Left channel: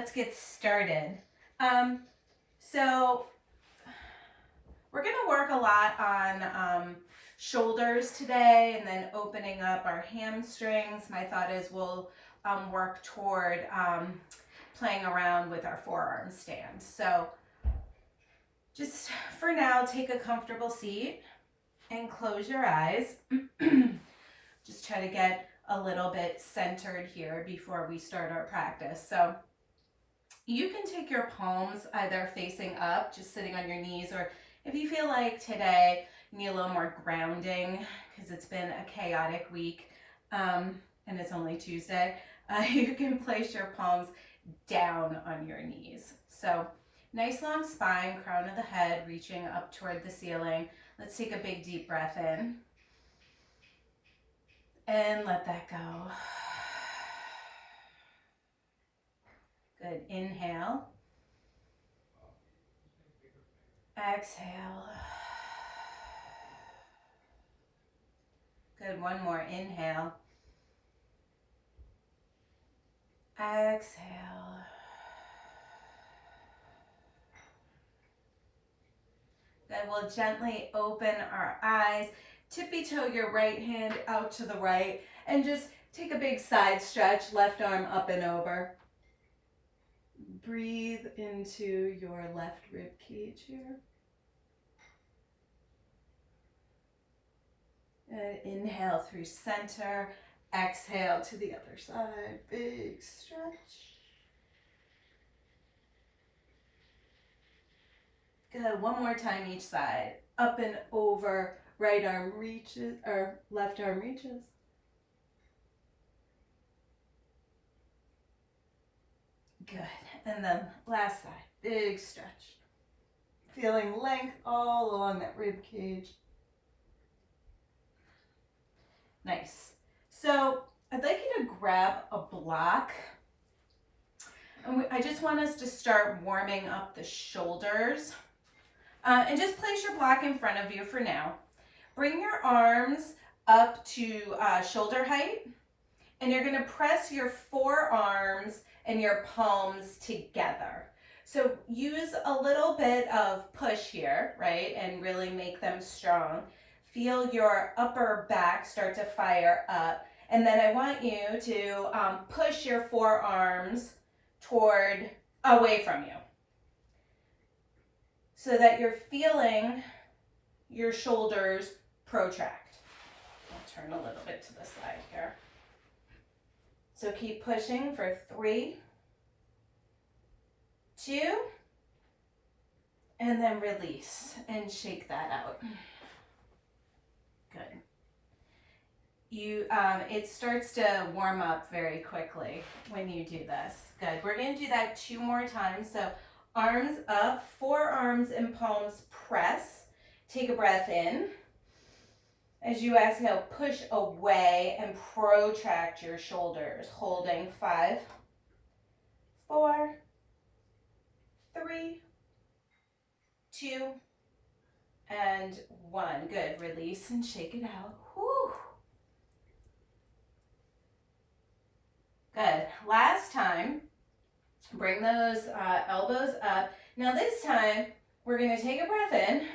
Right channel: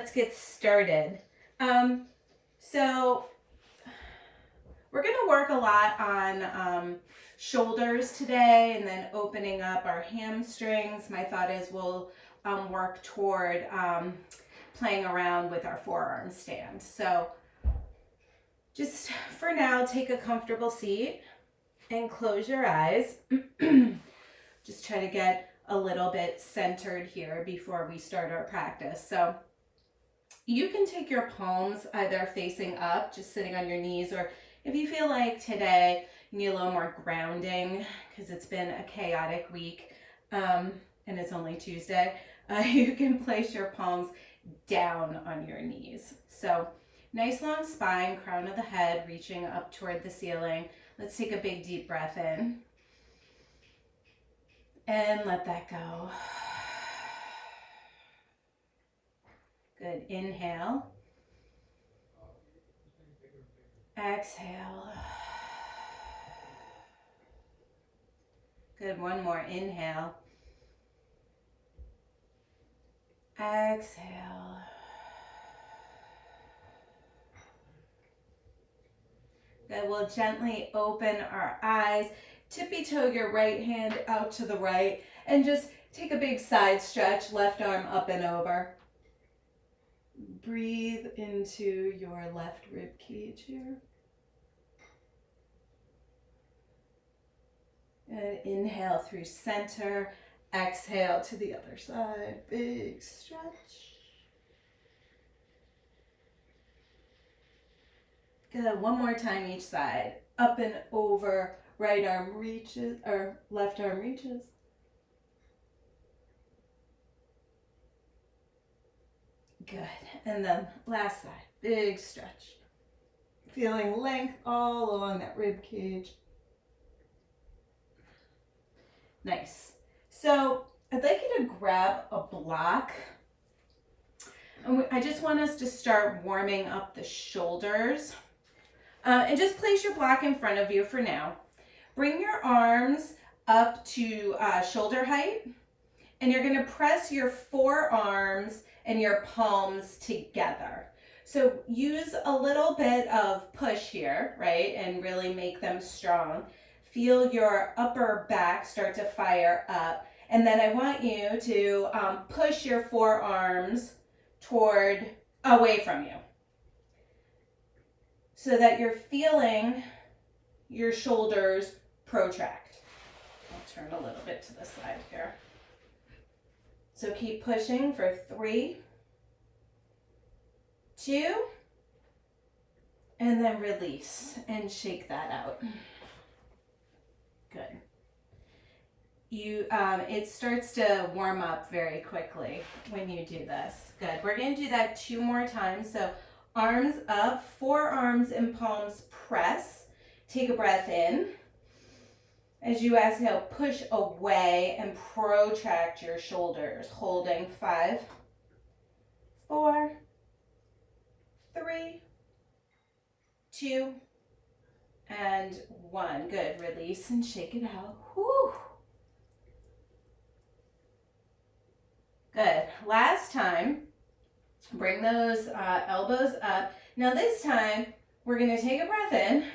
let's get started. So we're going to work a lot on shoulders today and then opening up our hamstrings. My thought is we'll work toward playing around with our forearm stand. So just for now, take a comfortable seat and close your eyes. Just try to get a little bit centered here before we start our practice. So you can take your palms either facing up, just sitting on your knees, or if you feel like today you need a little more grounding because it's been a chaotic week and it's only Tuesday, you can place your palms down on your knees. So nice long spine, crown of the head reaching up toward the ceiling. Let's take a big deep breath in and let that go. Good. Inhale. Exhale. Good. One more. Inhale. Exhale. Good. We'll gently open our eyes. Tippy toe your right hand out to the right and just take a big side stretch, left arm up and over. Breathe into your left rib cage here. And inhale through center. Exhale to the other side. Big stretch. Good. One more time each side. Up and over. Right arm reaches, or left arm reaches. Good. And then last side. Big stretch. Feeling length all along that rib cage. Nice. So I'd like you to grab a block. And I just want us to start warming up the shoulders. And just place your block in front of you for now. Bring your arms up to shoulder height. And you're going to press your forearms and your palms together. So use a little bit of push here, right? And really make them strong. Feel your upper back start to fire up. And then I want you to push your forearms away from you. So that you're feeling your shoulders protract. I'll turn a little bit to the side here. So keep pushing for 3, 2, and then release and shake that out. Good. It starts to warm up very quickly when you do this. Good. We're going to do that 2 more times. So arms up, forearms and palms press. Take a breath in. As you exhale, push away and protract your shoulders, holding 5, 4, 3, 2, and 1. Good. Release and shake it out. Whew. Good. Last time, bring those elbows up. Now this time, we're going to take a breath in.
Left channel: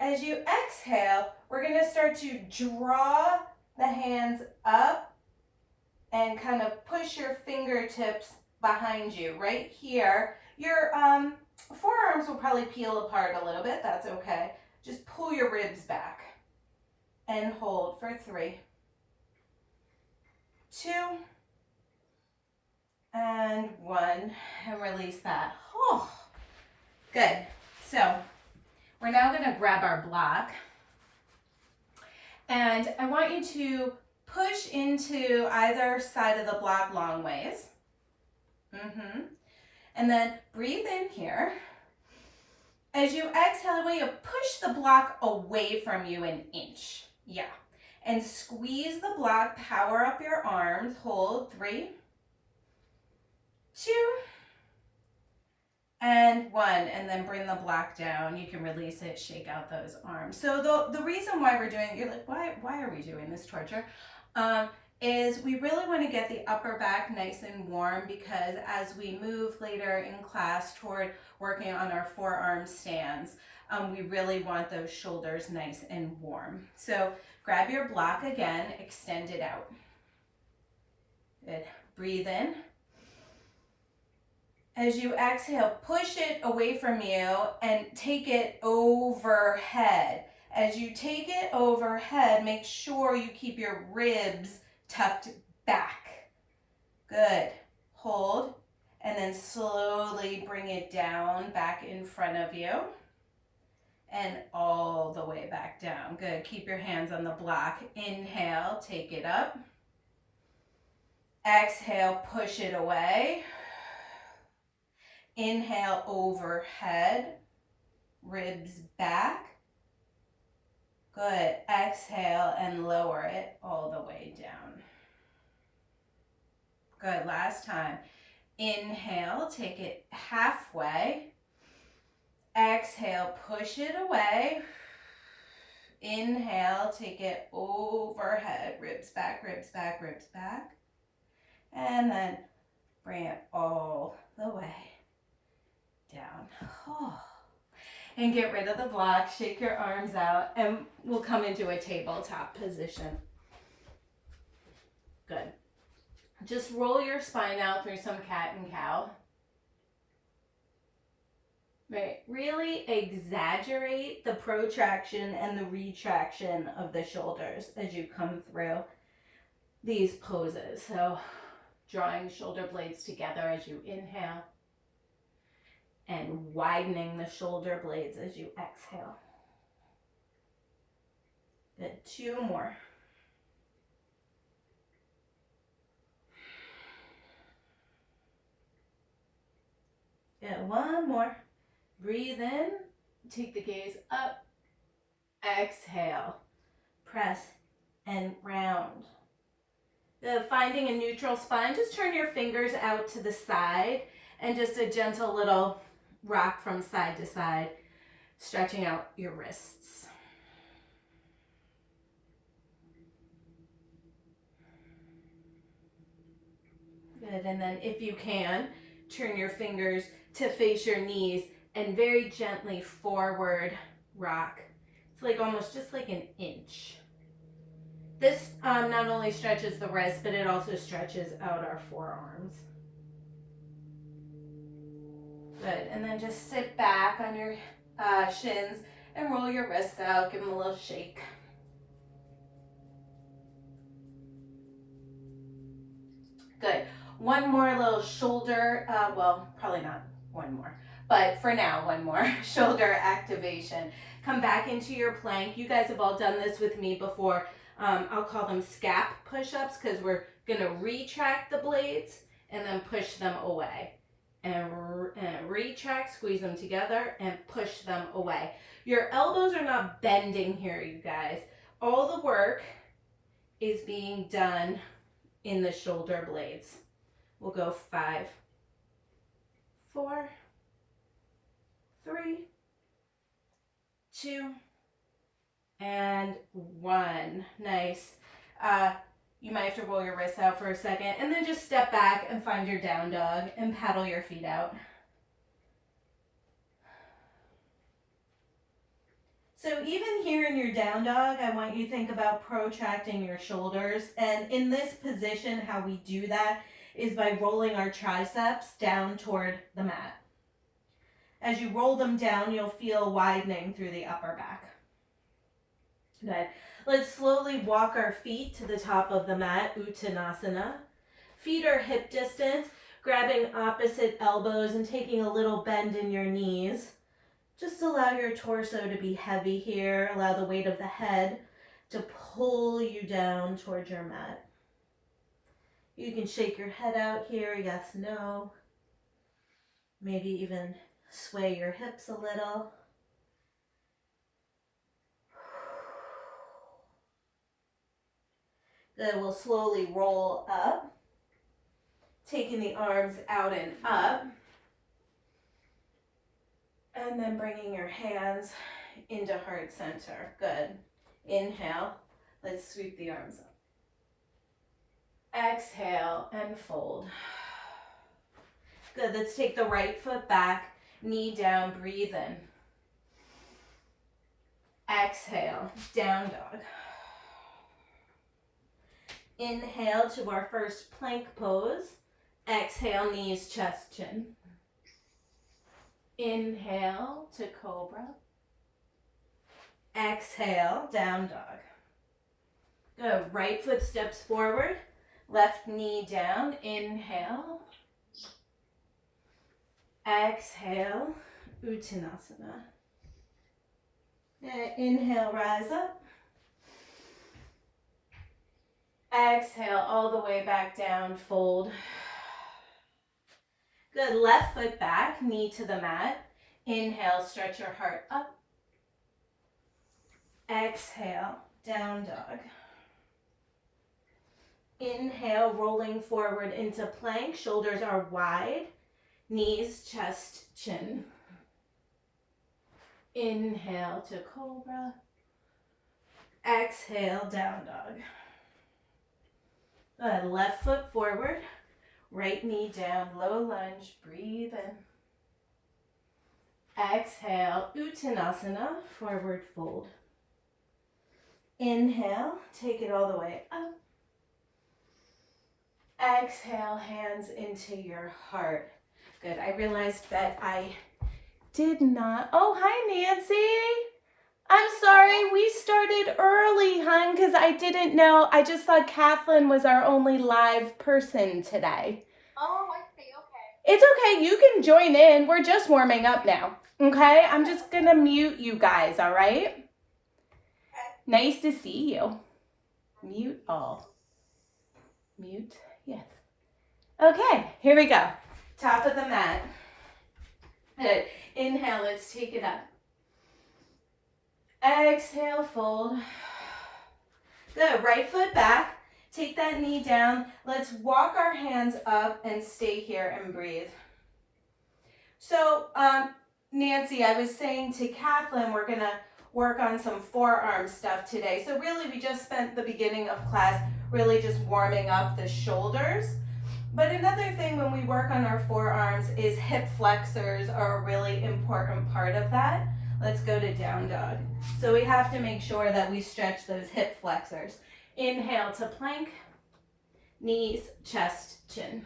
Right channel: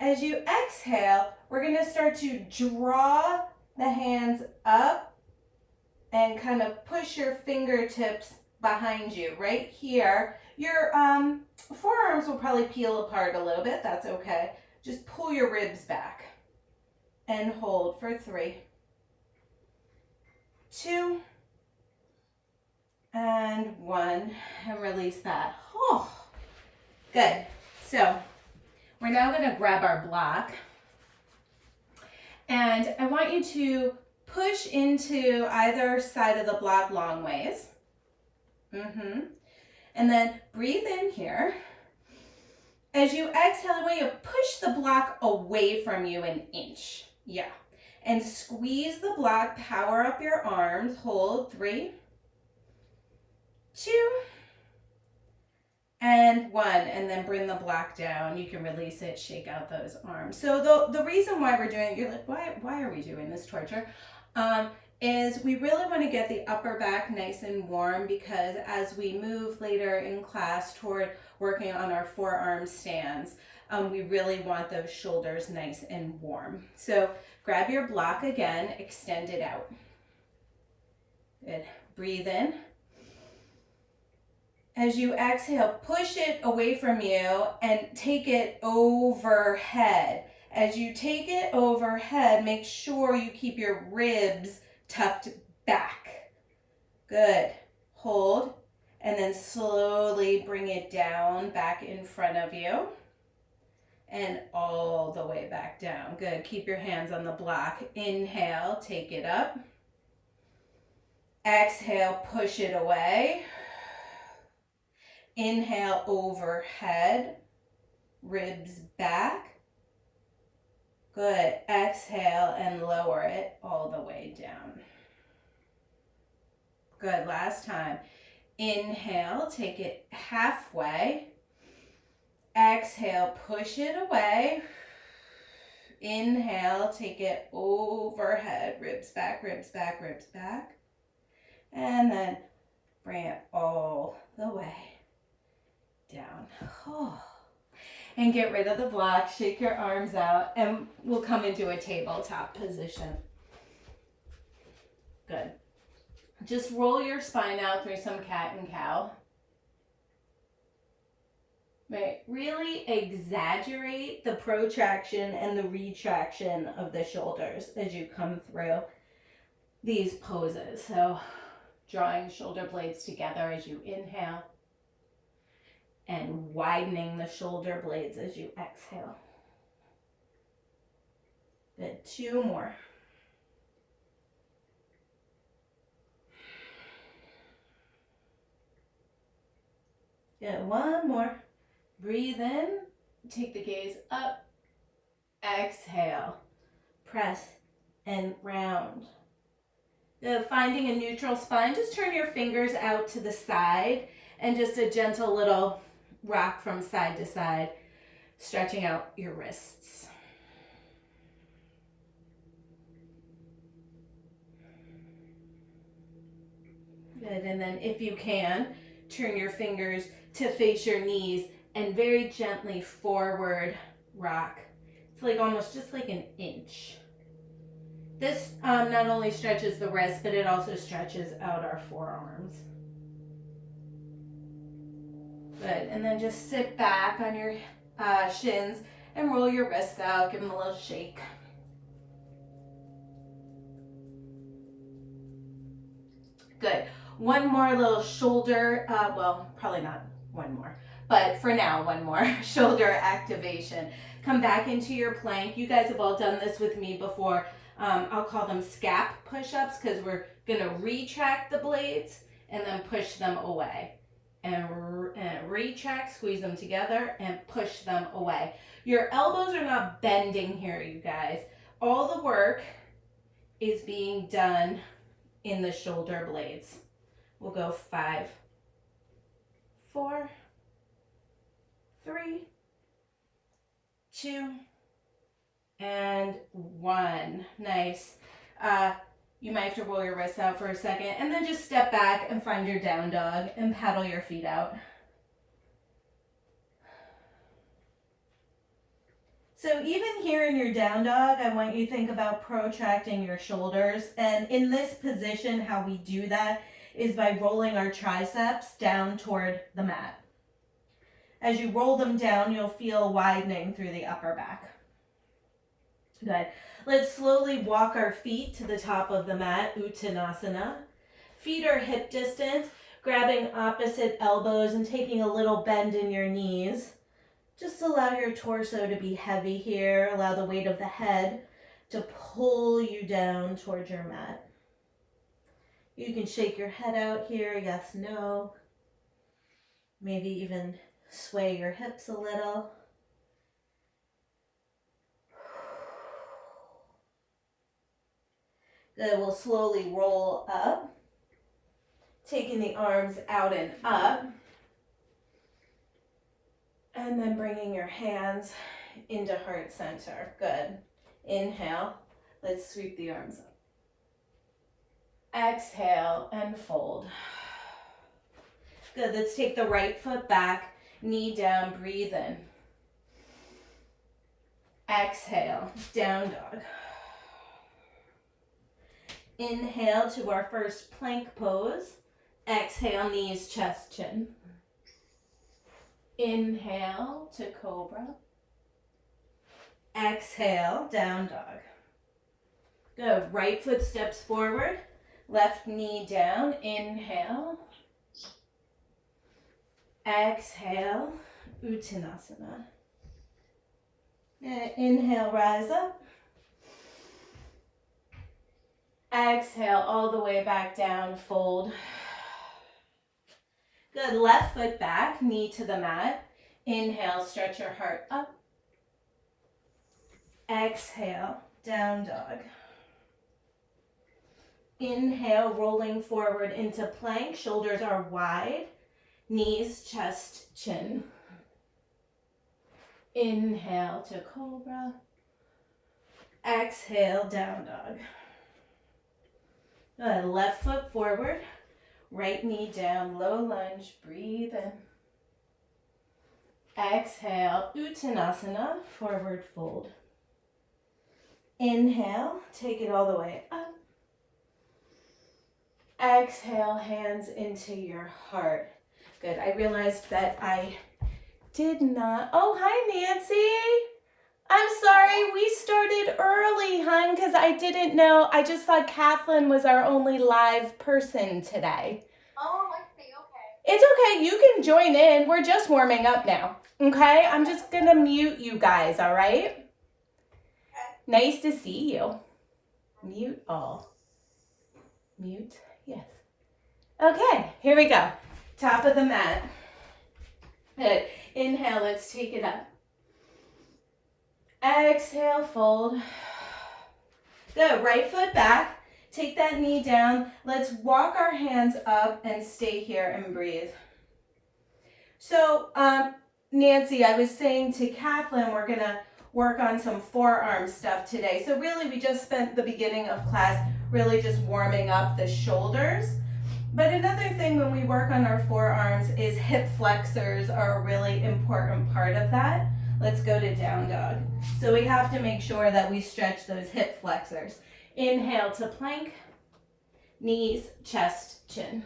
As you exhale, we're going to start to draw the hands up and kind of push your fingertips behind you. Right here, your forearms will probably peel apart a little bit. That's okay. Just pull your ribs back and hold for 3, 2, and 1, and release that. Oh, good. So we're now going to grab our block, and I want you to push into either side of the block long ways. And then breathe in here. As you exhale away, you push the block away from you an inch. Yeah. And squeeze the block, power up your arms, hold 3, 2, and 1, and then bring the block down. You can release it, shake out those arms. So the reason why we're doing it, you're like, why are we doing this torture? is we really want to get the upper back nice and warm, because as we move later in class toward working on our forearm stands, we really want those shoulders nice and warm. So grab your block again, extend it out. Good. Breathe in. As you exhale, push it away from you and take it overhead. As you take it overhead, make sure you keep your ribs tucked back. Good. Hold, and then slowly bring it down back in front of you and all the way back down. Good. Keep your hands on the block. Inhale, take it up. Exhale, push it away. Inhale, overhead, ribs back. Good. Exhale and lower it all the way down. Good. Last time. Inhale, take it halfway. Exhale, push it away. Inhale, take it overhead, ribs back, ribs back, ribs back. And then bring it all the way down. Oh. And get rid of the block, shake your arms out, and we'll come into a tabletop position. Good. Just roll your spine out through some cat and cow. Right, really exaggerate the protraction and the retraction of the shoulders as you come through these poses. So drawing shoulder blades together as you inhale and widening the shoulder blades as you exhale. Good, 2 more. Good, 1 more. Breathe in, take the gaze up, exhale, press and round. Finding a neutral spine, just turn your fingers out to the side and just a gentle little rock from side to side, stretching out your wrists. Good, and then if you can, turn your fingers to face your knees and very gently forward rock. It's like almost just like an inch. This not only stretches the wrist, but it also stretches out our forearms. Good, and then just sit back on your shins and roll your wrists out, give them a little shake. Good, 1 more little shoulder, well, probably not 1 more, but for now, 1 more shoulder activation. Come back into your plank. You guys have all done this with me before. I'll call them scap push-ups because we're going to retract the blades and then push them away. And retract, squeeze them together, and push them away. Your elbows are not bending here, you guys. All the work is being done in the shoulder blades. We'll go 5, 4, 3, 2, and 1. Nice. You might have to roll your wrists out for a second and then just step back and find your down dog and paddle your feet out. So even here in your down dog, I want you to think about protracting your shoulders. And in this position, how we do that is by rolling our triceps down toward the mat. As you roll them down, you'll feel widening through the upper back. Good. Let's slowly walk our feet to the top of the mat, Uttanasana. Feet are hip distance, grabbing opposite elbows and taking a little bend in your knees. Just allow your torso to be heavy here. Allow the weight of the head to pull you down towards your mat. You can shake your head out here, yes, no. Maybe even sway your hips a little. Then we'll slowly roll up, taking the arms out and up. And then bringing your hands into heart center. Good. Inhale. Let's sweep the arms up. Exhale and fold. Good, let's take the right foot back, knee down, breathe in. Exhale, down dog. Inhale to our first plank pose. Exhale, knees, chest, chin. Inhale to cobra. Exhale, down dog. Good, right foot steps forward, left knee down, inhale. Exhale, Uttanasana. Inhale, rise up. Exhale, all the way back down, fold. Good, left foot back, knee to the mat. Inhale, stretch your heart up. Exhale, down dog. Inhale, rolling forward into plank, shoulders are wide, knees, chest, chin. Inhale to cobra. Exhale, down dog. Good, left foot forward, right knee down, low lunge, breathe in. Exhale, Uttanasana, forward fold. Inhale, take it all the way up. Exhale, hands into your heart. Good, I realized that I did not, oh, hi Nancy. I'm sorry, we started early, hon, because I didn't know. I just thought Kathleen was our only live person today. Oh, I see, okay. It's okay, you can join in. We're just warming up now, okay? I'm just going to mute you guys, all right? Okay. Nice to see you. Mute all. Mute, yes. Okay, here we go. Top of the mat. Good. Inhale, let's take it up. Exhale, fold. Good, right foot back. Take that knee down. Let's walk our hands up and stay here and breathe. So, Nancy, I was saying to Kathleen, we're gonna work on some forearm stuff today. So really, we just spent the beginning of class really just warming up the shoulders. But another thing when we work on our forearms is hip flexors are a really important part of that. Let's go to down dog. So we have to make sure that we stretch those hip flexors. Inhale to plank, knees, chest, chin.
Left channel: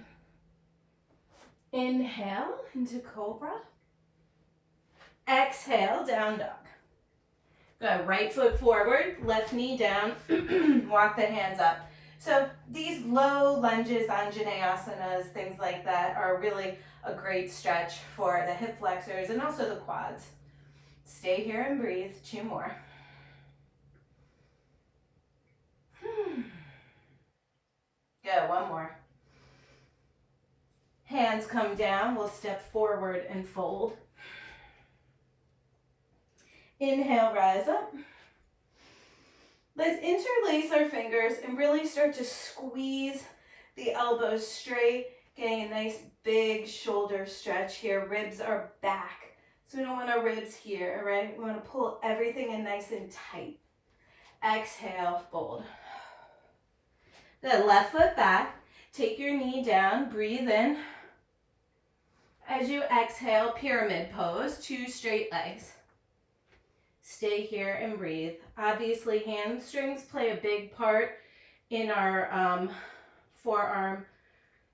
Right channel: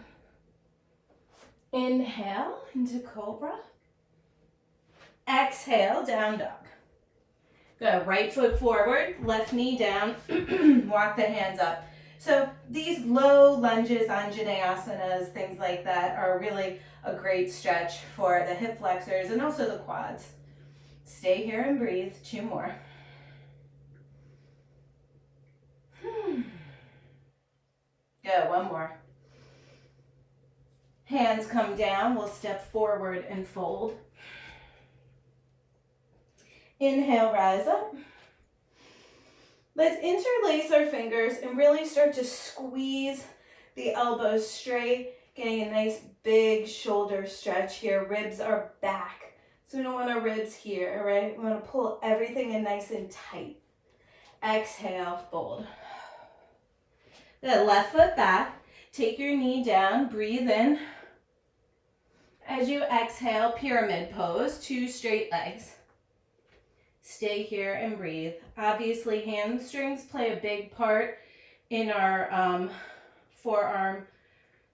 Inhale into cobra. Exhale, down dog. Good, right foot forward, left knee down, walk the hands up. So these low lunges, Anjaneyasanas, things like that are really a great stretch for the hip flexors and also the quads. Stay here and breathe, 2 more. Good, 1 more. Hands come down, we'll step forward and fold. Inhale, rise up. Let's interlace our fingers and really start to squeeze the elbows straight, getting a nice big shoulder stretch here. Ribs are back. So we don't want our ribs here, right? We want to pull everything in nice and tight. Exhale, fold. Good, left foot back. Take your knee down, breathe in. As you exhale, pyramid pose, 2 straight legs. Stay here and breathe. Obviously, hamstrings play a big part in our forearm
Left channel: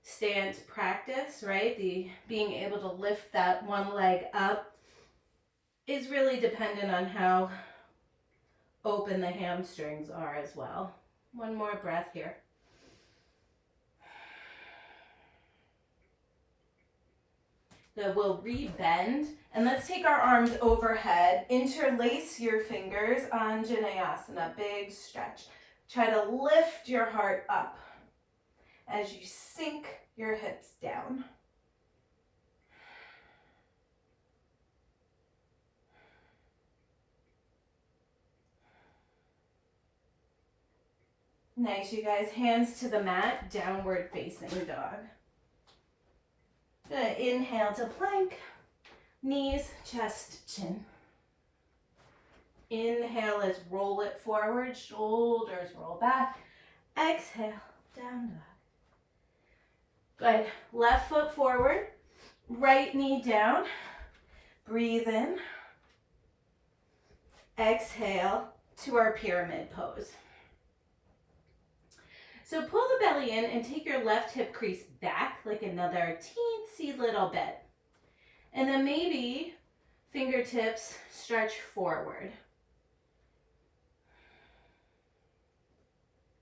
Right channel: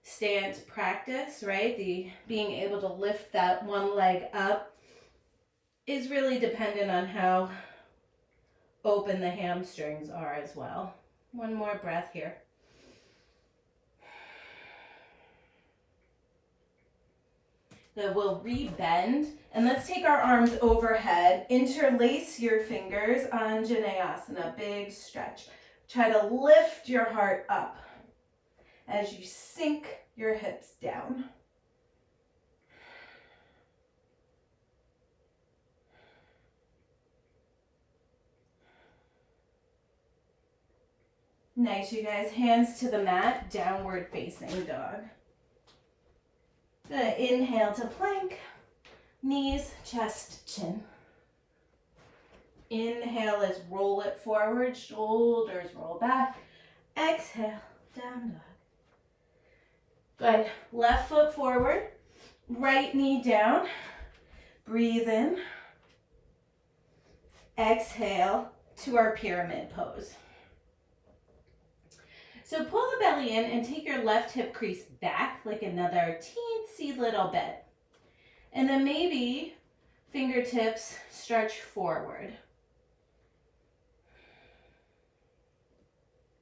stance practice, right? The being able to lift that one leg up is really dependent on how open the hamstrings are as well. 1 more breath here. So we'll re-bend, and let's take our arms overhead. Interlace your fingers, Anjaneyasana, big stretch. Try to lift your heart up as you sink your hips down. Nice, you guys. Hands to the mat, downward facing dog. Good. Inhale to plank, knees, chest, chin. Inhale, let's roll it forward, shoulders roll back. Exhale, down dog. Good. Left foot forward, right knee down. Breathe in. Exhale to our pyramid pose. So pull the belly in and take your left hip crease back like another teensy little bit. And then maybe fingertips stretch forward.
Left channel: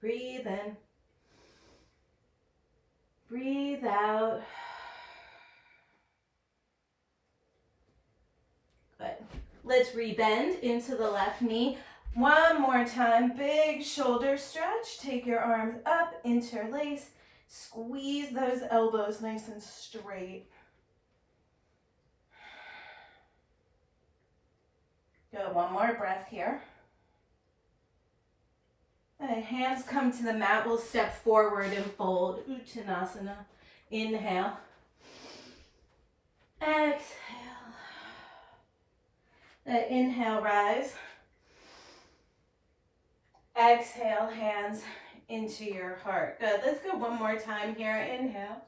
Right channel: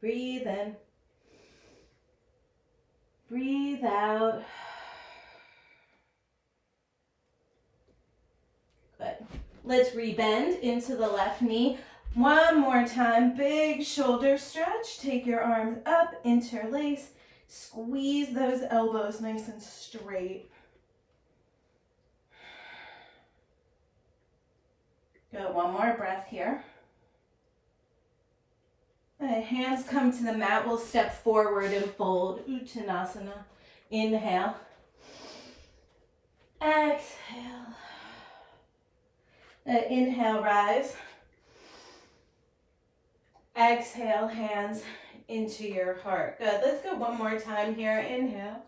Breathe in. Breathe out. Good. Let's rebend into the left knee. One more time, big shoulder stretch. Take your arms up, interlace. Squeeze those elbows nice and straight. Good, one more breath here. Hands come to the mat. We'll step forward and fold. Uttanasana. Inhale. Exhale. Inhale, rise. Exhale, hands into your heart. Good. Let's go one more time here. Inhale.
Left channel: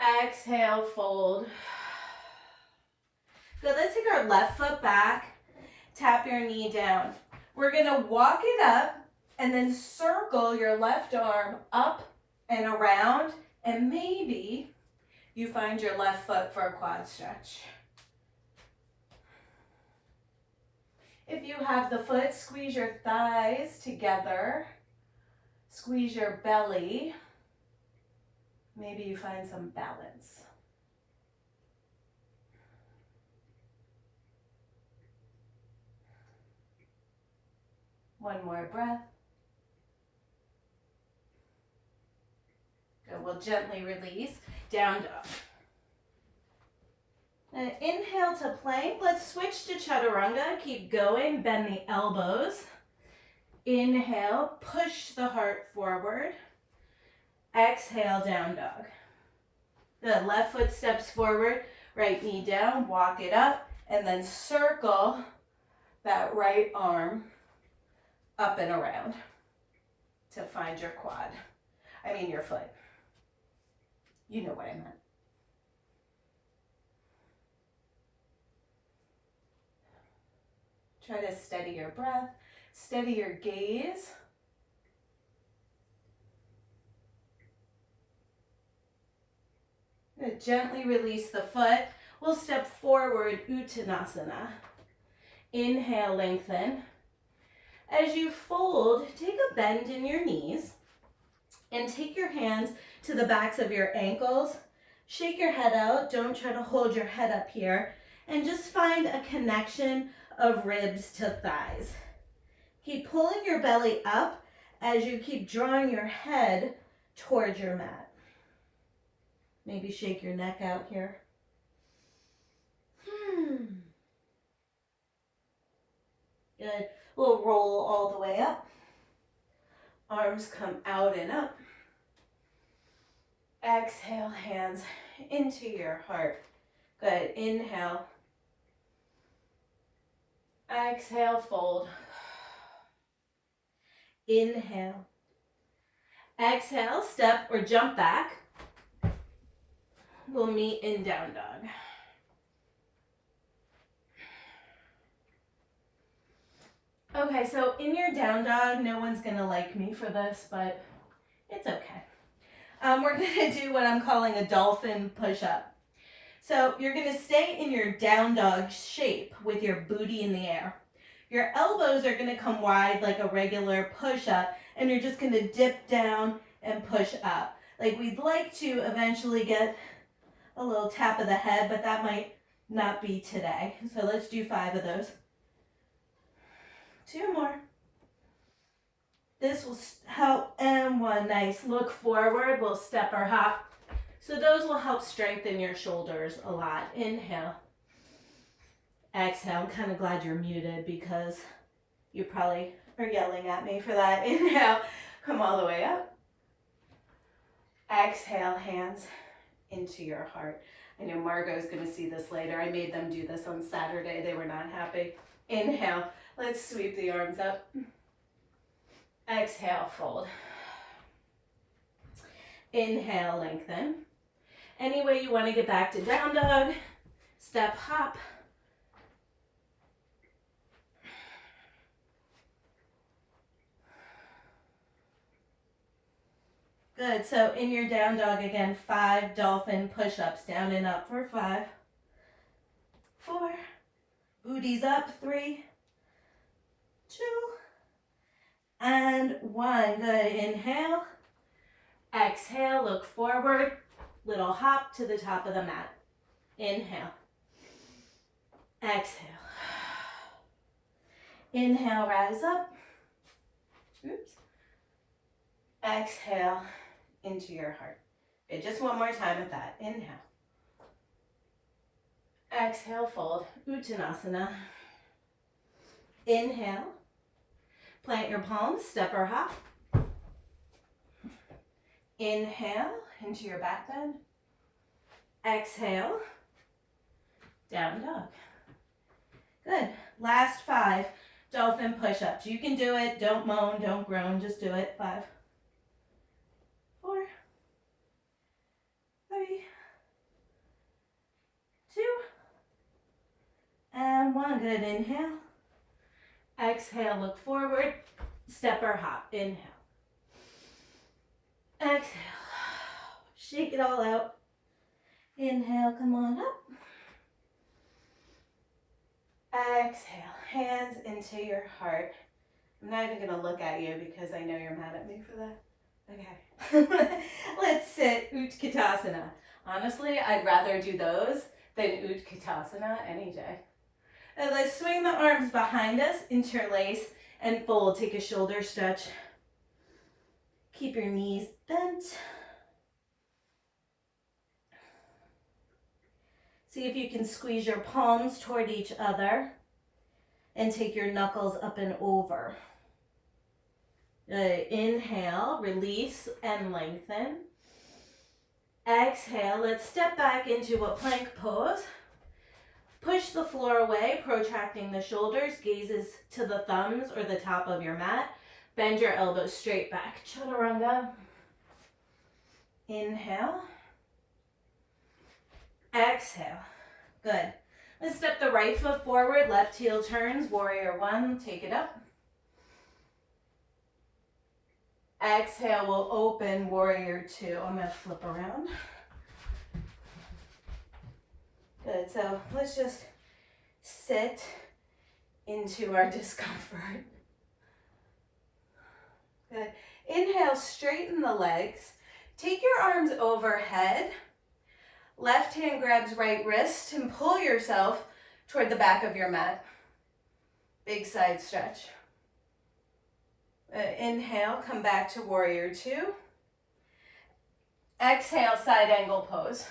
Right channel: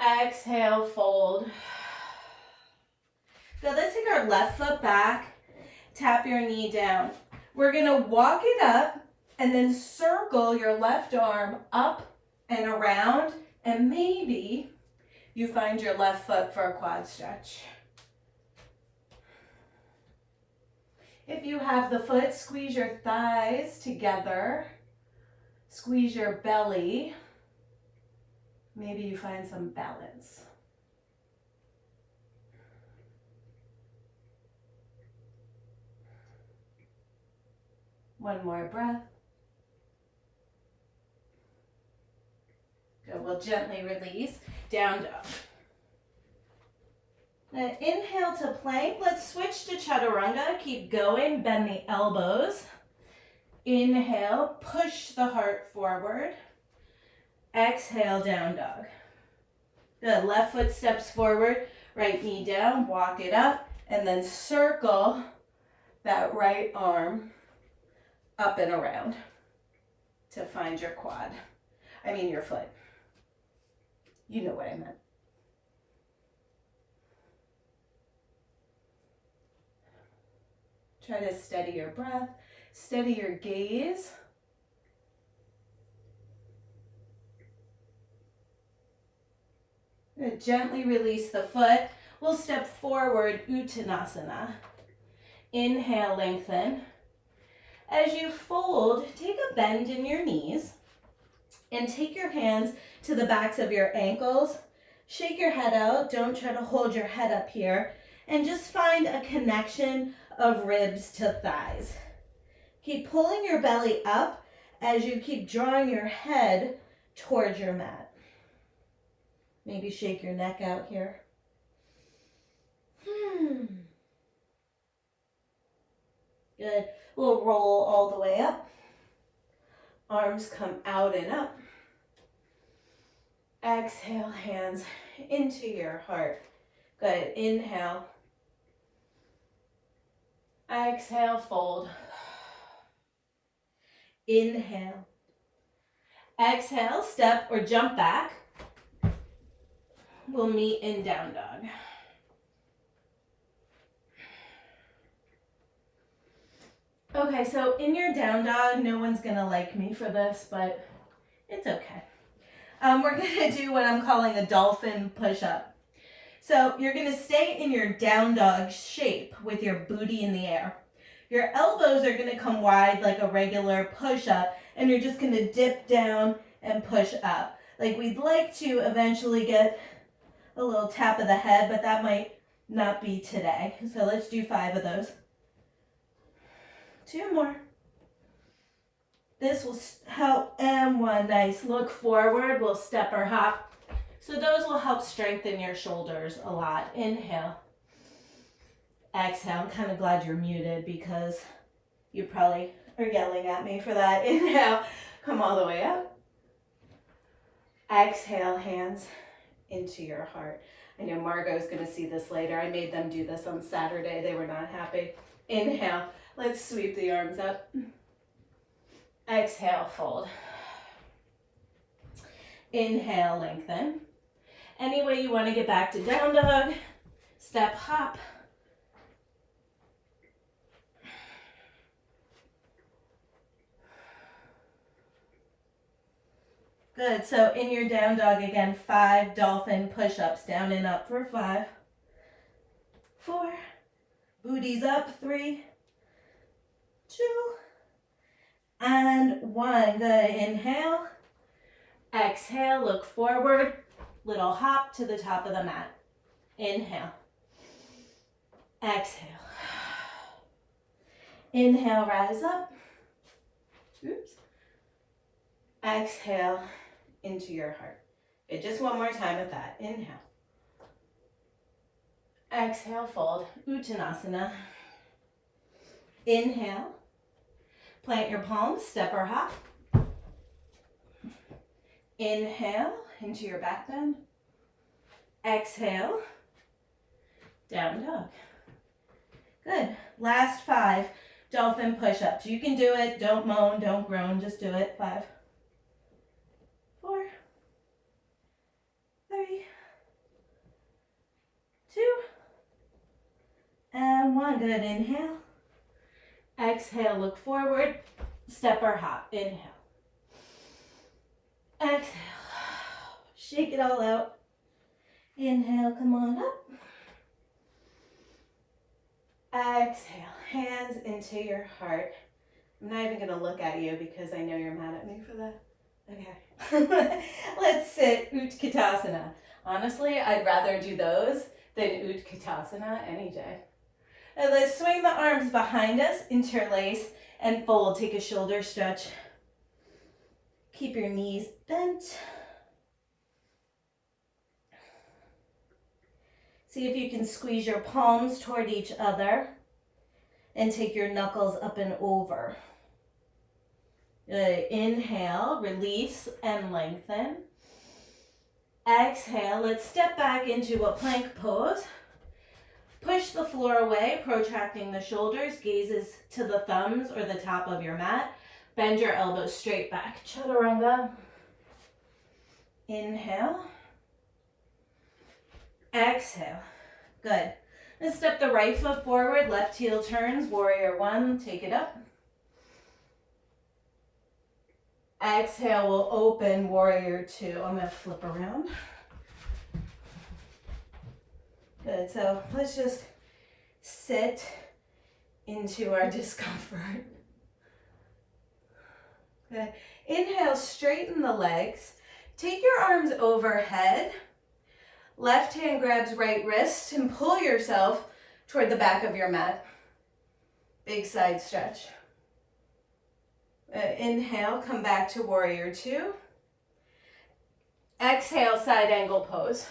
Exhale, fold. Good. Let's take our left foot back. Tap your knee down. We're going to walk it up and then circle your left arm up and around, and maybe you find your left foot for a quad stretch. If you have the foot, squeeze your thighs together, squeeze your belly. Maybe you find some balance. One more breath. Good. We'll gently release. Down dog. Inhale to plank. Let's switch to chaturanga. Keep going. Bend the elbows. Inhale. Push the heart forward. Exhale, down dog. Good. Left foot steps forward. Right knee down. Walk it up. And then circle that right arm up and around to find your quad. Your foot. You know what I meant. Try to steady your breath, steady your gaze. Gently release the foot. We'll step forward, Uttanasana. Inhale, lengthen. As you fold, take a bend in your knees and take your hands to the backs of your ankles. Shake your head out. Don't try to hold your head up here. And just find a connection of ribs to thighs. Keep pulling your belly up as you keep drawing your head towards your mat. Maybe shake your neck out here. Good. We'll roll all the way up. Arms come out and up. Exhale, hands into your heart. Good. Inhale. Exhale, fold. Inhale. Exhale, step or jump back. We'll meet in down dog. Okay, so in your down dog, no one's gonna like me for this, but it's okay. We're gonna do what I'm calling a dolphin push-up. So you're gonna stay in your down dog shape with your booty in the air. Your elbows are gonna come wide like a regular push-up, and you're just gonna dip down and push up. Like we'd like to eventually get a little tap of the head, but that might not be today. So let's do 5 of those. 2 more. This will help, and 1. Nice. Look forward. We'll step or hop. So those will help strengthen your shoulders a lot. Inhale. Exhale. I'm kind of glad you're muted because you probably are yelling at me for that. Inhale. Come all the way up. Exhale, hands into your heart. I know Margot's going to see this later. I made them do this on Saturday. They were not happy. Inhale. Let's sweep the arms up. Exhale, fold. Inhale, lengthen. Any way you want to get back to down dog, step, hop. Good, so in your down dog again, 5 dolphin push-ups, down and up for 5, 4, booties up, 3, 2, and 1. Good, inhale, exhale, look forward, little hop to the top of the mat. Inhale, exhale. Inhale, rise up. Oops. Exhale into your heart. Okay, just one more time with that. Inhale. Exhale, fold. Uttanasana. Inhale. Plant your palms, step or hop. Inhale into your back bend. Exhale, down dog. Good. Last 5 dolphin push-ups. You can do it. Don't moan, don't groan. Just do it. 5, 4, 3, 2, and 1. Good. Inhale. Exhale, look forward. Step or hop. Inhale. Exhale. Shake it all out. Inhale, come on up. Exhale, hands into your heart. I'm not even gonna look at you because I know you're mad at me for that. Okay. Let's sit Utkatasana. Honestly, I'd rather do those than Utkatasana any day. And let's swing the arms behind us, interlace, and fold. Take a shoulder stretch. Keep your knees bent. See if you can squeeze your palms toward each other and take your knuckles up and over. Inhale, release and lengthen. Exhale, let's step back into a plank pose. Push the floor away, protracting the shoulders, gazes to the thumbs or the top of your mat. Bend your elbows straight back. Chaturanga. Inhale. Exhale. Good. Let's step the right foot forward, left heel turns, warrior 1, take it up. Exhale, we'll open warrior 2. I'm gonna flip around. Good, so let's just sit into our discomfort. Good. Inhale, straighten the legs. Take your arms overhead. Left hand grabs right wrist and pull yourself toward the back of your mat. Big side stretch. Inhale, come back to warrior 2. Exhale, side angle pose.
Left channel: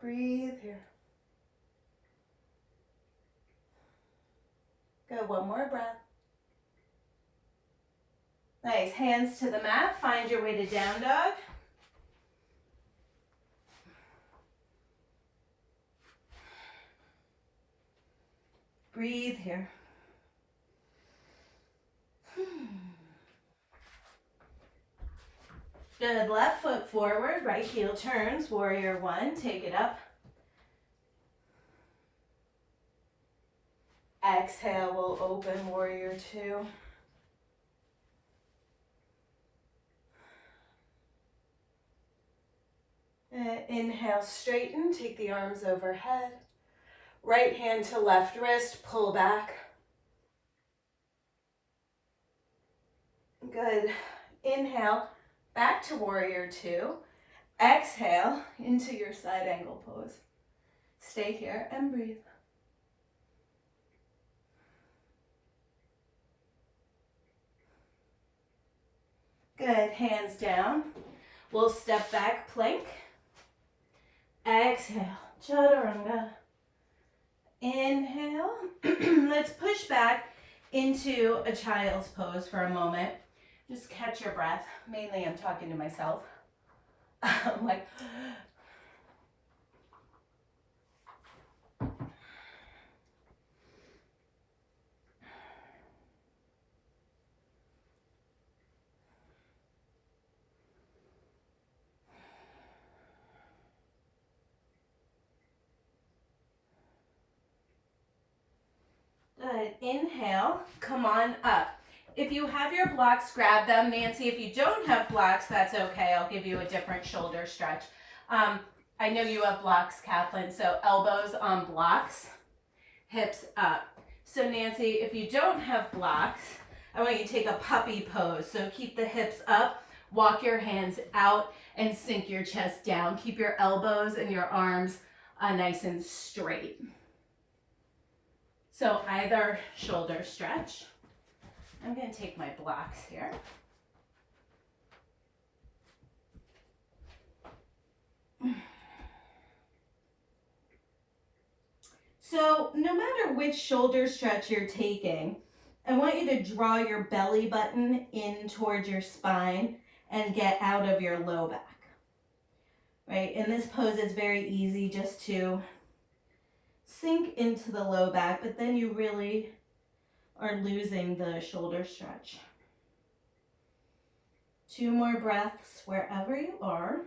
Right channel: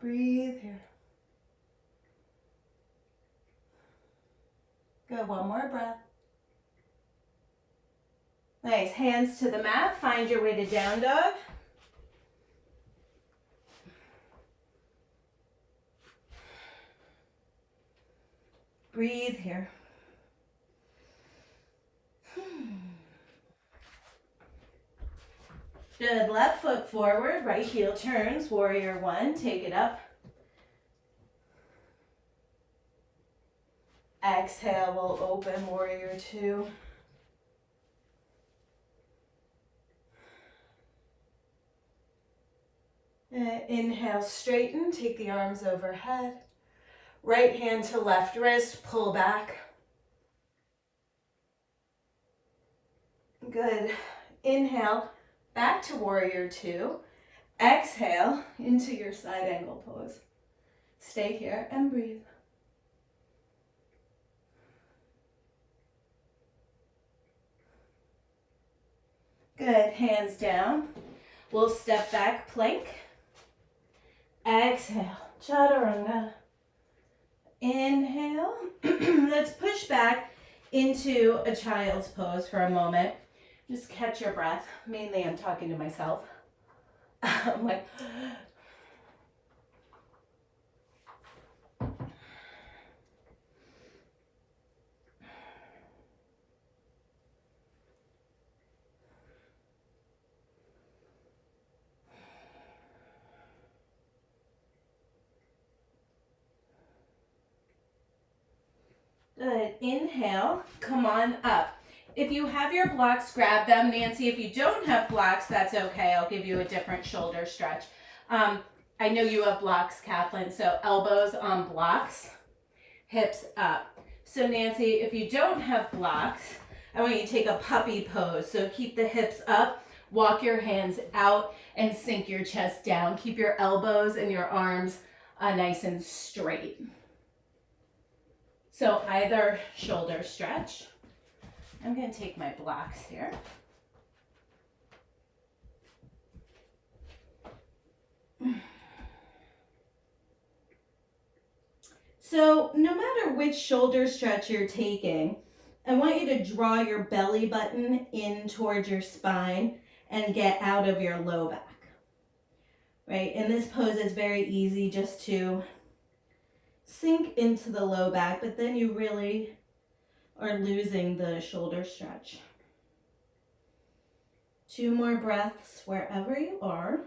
Breathe here. Good, one more breath. Nice, hands to the mat, find your way to down dog. Breathe here. Good, left foot forward, right heel turns, warrior 1, take it up. Exhale, we'll open warrior 2. Inhale, straighten, take the arms overhead. Right hand to left wrist, pull back. Good. Inhale, back to warrior 2. Exhale into your side angle pose. Stay here and breathe. Good, hands down. We'll step back, plank. Exhale, chaturanga. Inhale. Let's push back into a child's pose for a moment. Just catch your breath. Mainly I'm talking to myself. I'm like, Good. Inhale, come on up. If you have your blocks, grab them. Nancy, if you don't have blocks, that's okay. I'll give you a different shoulder stretch. I know you have blocks, Kathleen, so elbows on blocks, hips up. So Nancy, if you don't have blocks, I want you to take a puppy pose. So keep the hips up, walk your hands out, and sink your chest down. Keep your elbows and your arms nice and straight. So either shoulder stretch. I'm going to take my blocks here. So no matter which shoulder stretch you're taking, I want you to draw your belly button in towards your spine and get out of your low back. Right? In this pose, it's very easy just to sink into the low back, but then you really are losing the shoulder stretch. 2 more breaths wherever you are.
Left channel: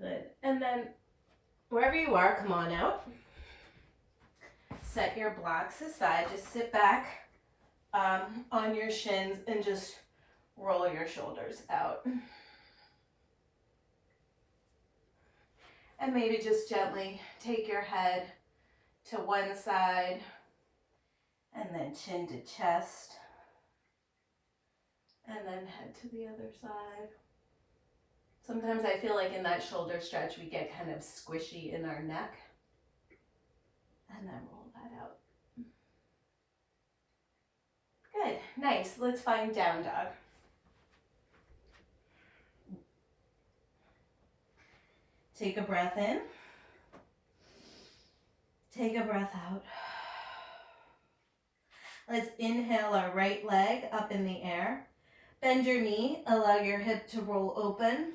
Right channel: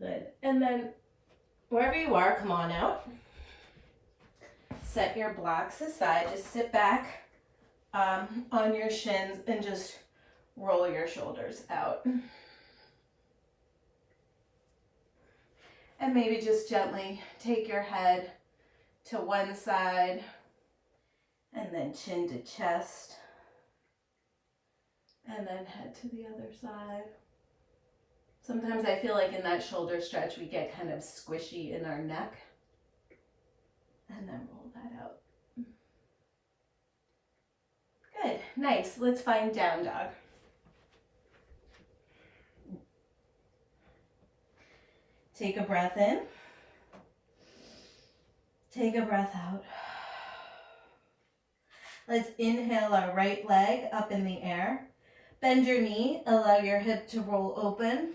Good. And then wherever you are, come on out. Set your blocks aside. Just sit back on your shins and just roll your shoulders out. And maybe just gently take your head to one side and then chin to chest and then head to the other side. Sometimes I feel like in that shoulder stretch we get kind of squishy in our neck. And then roll that out. Good, nice. Let's find down dog. Take a breath in. Take a breath out. Let's inhale our right leg up in the air. Bend your knee, allow your hip to roll open.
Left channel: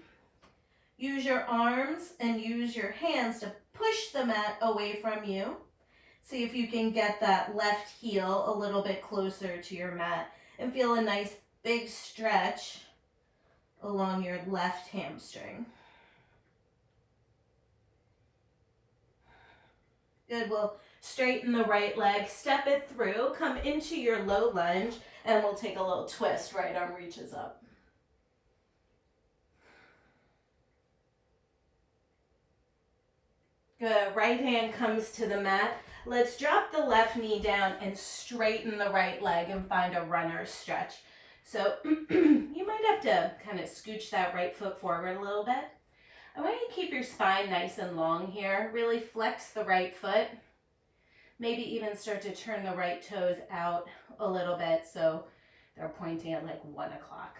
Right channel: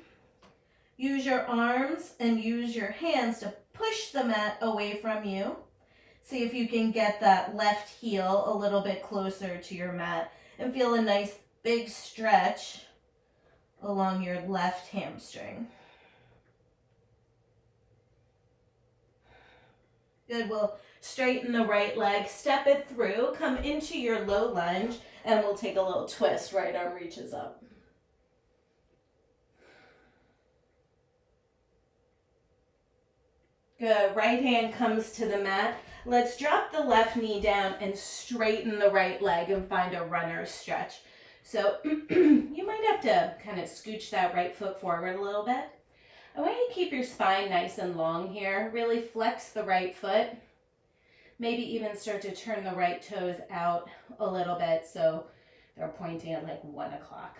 Use your arms and use your hands to push the mat away from you. See if you can get that left heel a little bit closer to your mat and feel a nice big stretch along your left hamstring. Good, we'll straighten the right leg, step it through, come into your low lunge, and we'll take a little twist. Right arm reaches up. Good, right hand comes to the mat. Let's drop the left knee down and straighten the right leg and find a runner's stretch. So you might have to kind of scooch that right foot forward a little bit. I want you to keep your spine nice and long here. Really flex the right foot. Maybe even start to turn the right toes out a little bit so they're pointing at like 1 o'clock.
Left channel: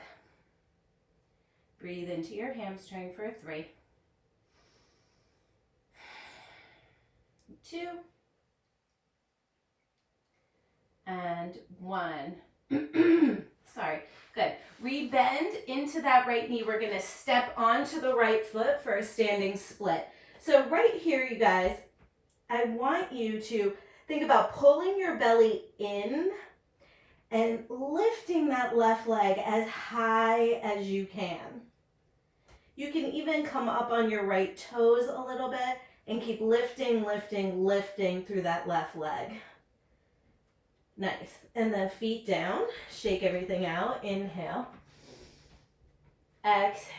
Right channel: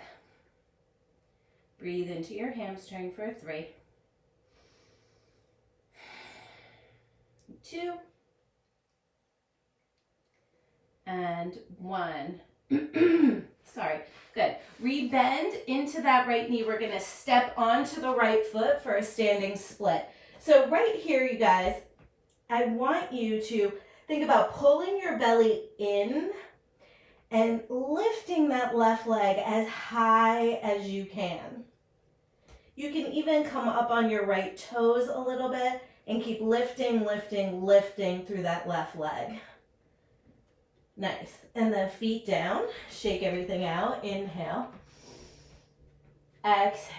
Breathe into your hamstring for 3, 2, and 1. Sorry. Good. Rebend into that right knee. We're going to step onto the right foot for a standing split. So right here, you guys, I want you to think about pulling your belly in and lifting that left leg as high as you can. You can even come up on your right toes a little bit and keep lifting, lifting, lifting through that left leg. Nice. And then feet down. Shake everything out. Inhale. Exhale.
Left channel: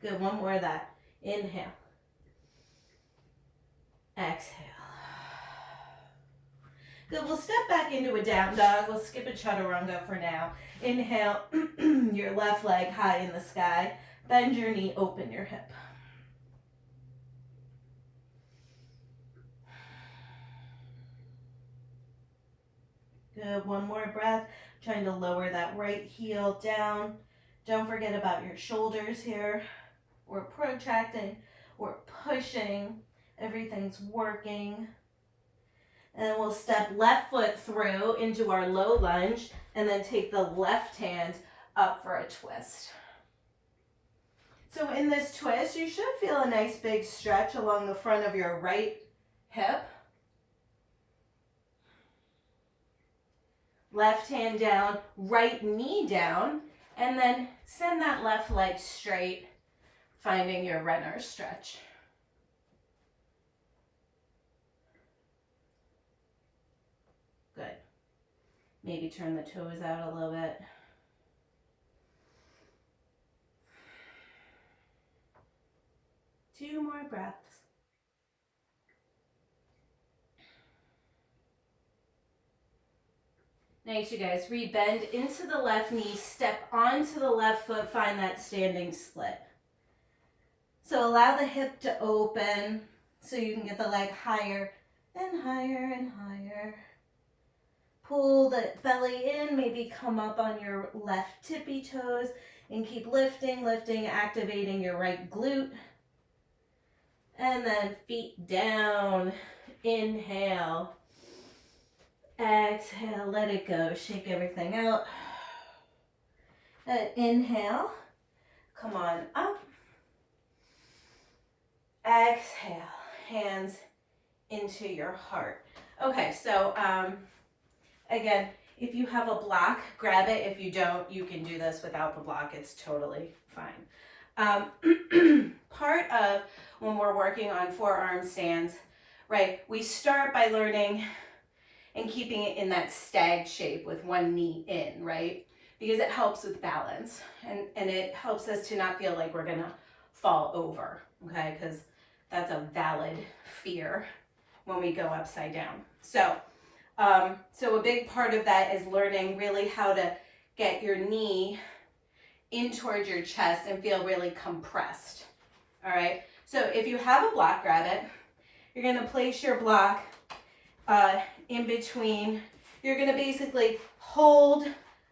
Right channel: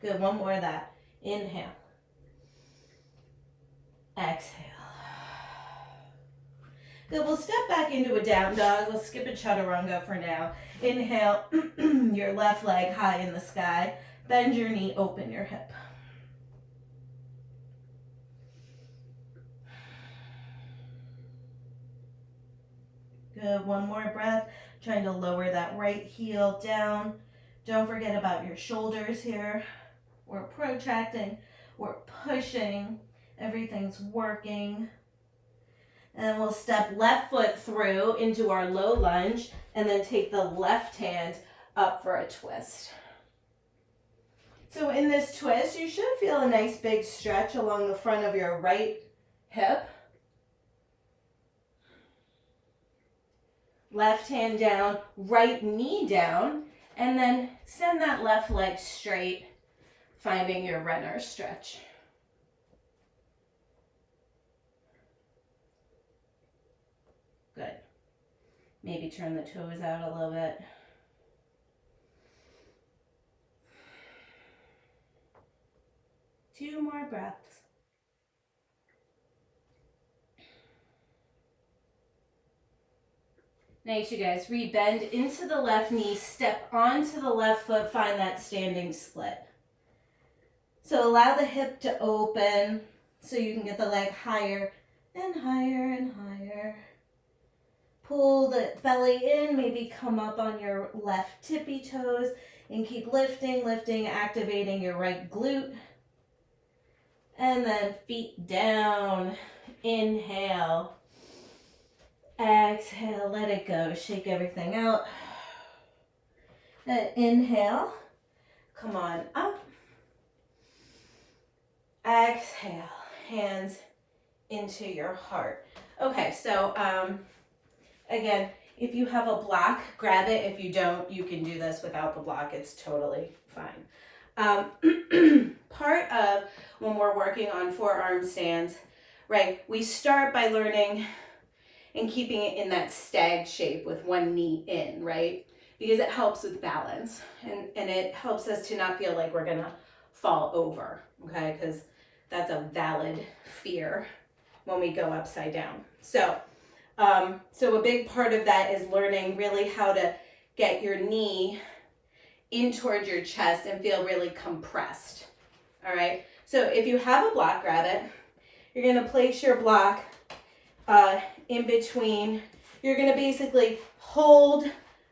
Good. One more of that. Inhale. Exhale. Good. We'll step back into a down dog. We'll skip a chaturanga for now. Inhale. Your left leg high in the sky. Bend your knee. Open your hip. Good. One more breath. Trying to lower that right heel down. Don't forget about your shoulders here. We're protracting. We're pushing. Everything's working. And we'll step left foot through into our low lunge and then take the left hand up for a twist. So in this twist, you should feel a nice big stretch along the front of your right hip. left hand down, right knee down, and then send that left leg straight, finding your runner stretch. Good. Maybe turn the toes out a little bit. Two more breaths. Nice, you guys. Rebend into the left knee, step onto the left foot, find that standing split. So allow the hip to open so you can get the leg higher and higher and higher. Pull the belly in, maybe come up on your left tippy toes and keep lifting, lifting, activating your right glute. And then feet down. Inhale. Exhale, let it go. Shake everything out. And inhale. Come on up. Exhale. Hands into your heart. Okay, so again, if you have a block, grab it. If you don't, you can do this without the block. It's totally fine. Part of when we're working on forearm stands, right, we start by learning and keeping it in that stag shape with one knee in, right? Because it helps with balance and it helps us to not feel like we're gonna fall over, okay? Because that's a valid fear when we go upside down. So a big part of that is learning really how to get your knee in towards your chest and feel really compressed, all right? So if you have a block, grab it. You're gonna place your block in between. You're gonna basically hold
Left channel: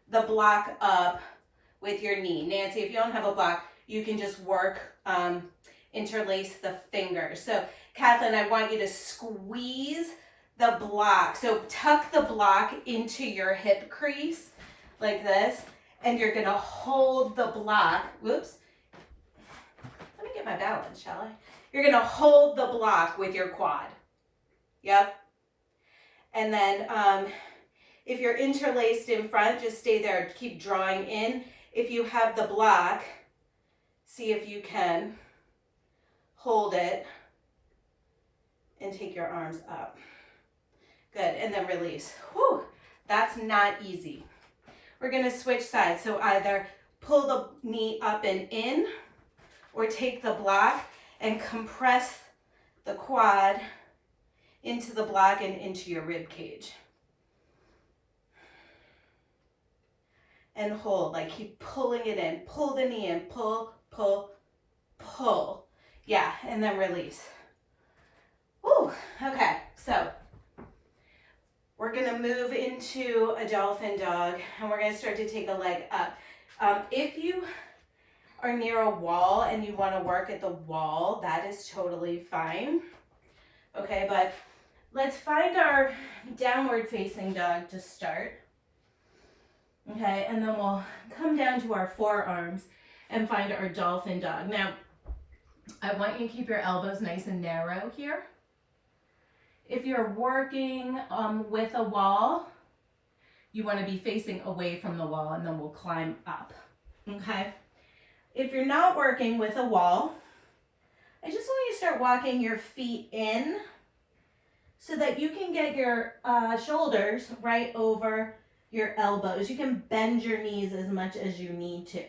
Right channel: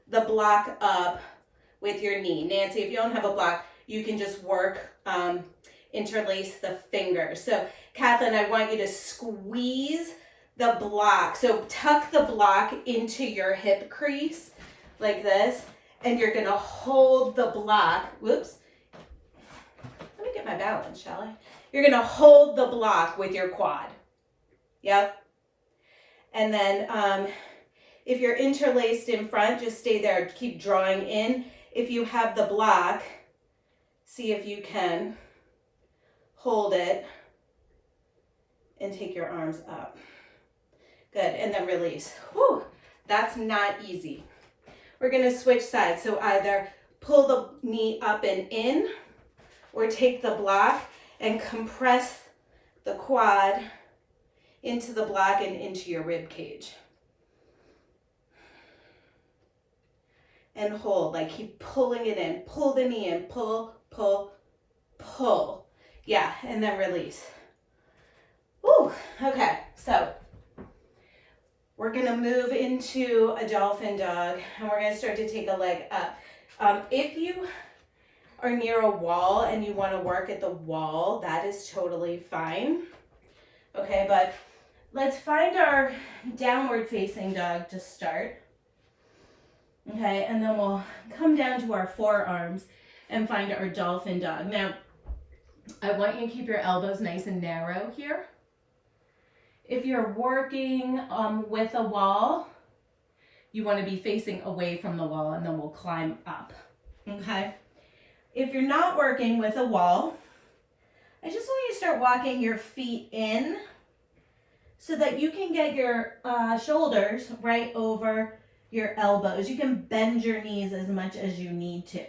the block up with your knee. Nancy, if you don't have a block, you can just work, interlace the fingers. So Kathleen, I want you to squeeze the block. So tuck the block into your hip crease like this, and you're gonna hold the block. Whoops. Let me get my balance, shall I? You're gonna hold the block with your quad. Yep. And then if you're interlaced in front, just stay there, keep drawing in. If you have the block, see if you can hold it and take your arms up. Good, and then release. Whew, that's not easy. We're gonna switch sides. So either pull the knee up and in, or take the block and compress the quad into the block and into your rib cage. And hold, like keep pulling it in. Pull the knee in, pull, pull, pull. Yeah, and then release. Woo, okay, so we're gonna move into a dolphin dog and we're gonna start to take a leg up. If you are near a wall and you wanna work at the wall, that is totally fine. Okay, but let's find our downward facing dog to start. Okay, and then we'll come down to our forearms and find our dolphin dog. Now, I want you to keep your elbows nice and narrow here. If you're working with a wall, you want to be facing away from the wall and then we'll climb up, okay? If you're not working with a wall, I just want you to start walking your feet in so that you can get your shoulders right over your elbows. You can bend your knees as much as you need to,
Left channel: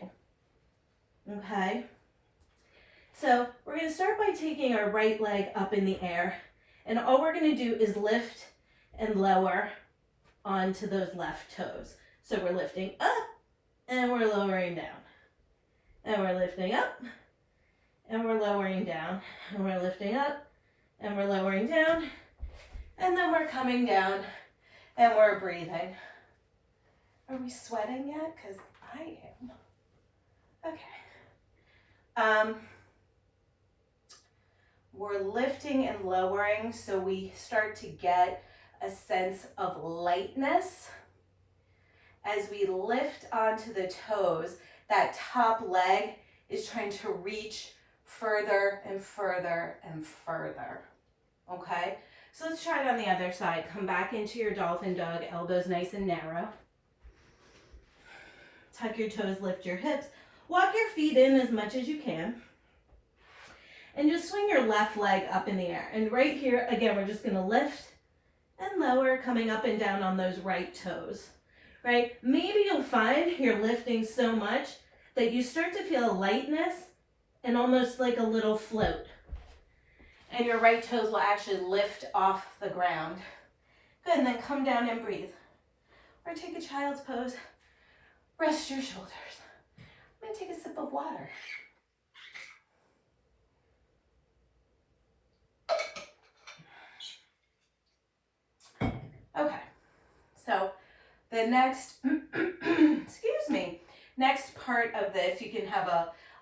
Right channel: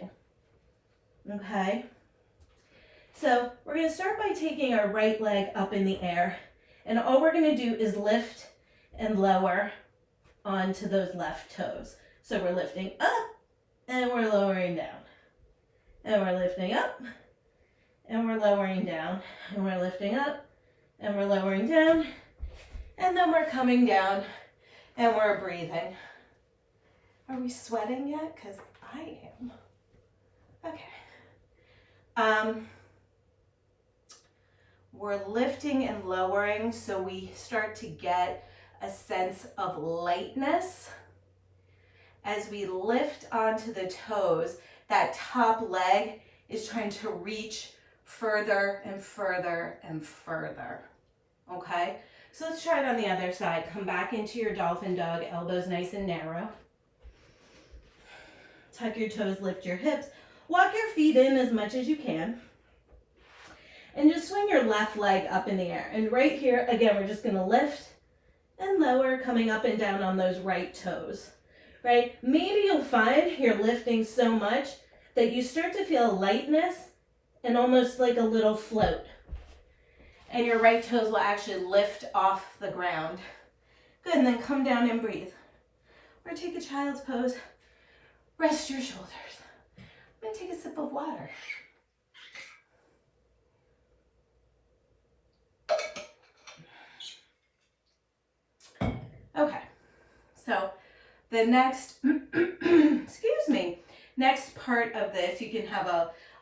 okay? So we're gonna start by taking our right leg up in the air, and all we're gonna do is lift and lower onto those left toes. So we're lifting up and we're lowering down. And we're lifting up and we're lowering down. And we're lifting up and we're lowering down. And then we're coming down and we're breathing. Are we sweating yet? Because I am. Okay. We're lifting and lowering so we start to get a sense of lightness. As we lift onto the toes, that top leg is trying to reach further and further and further. Okay? So let's try it on the other side. Come back into your dolphin dog, elbows nice and narrow. Tuck your toes, lift your hips. Walk your feet in as much as you can. And just swing your left leg up in the air. And right here, again, we're just going to lift and lower, coming up and down on those right toes, right? Maybe you'll find you're lifting so much that you start to feel lightness and almost like a little float. And your right toes will actually lift off the ground. Good, and then come down and breathe. Or take a child's pose. Rest your shoulders. I'm gonna take a sip of water. Okay, so the next, excuse me, next part of this, you can have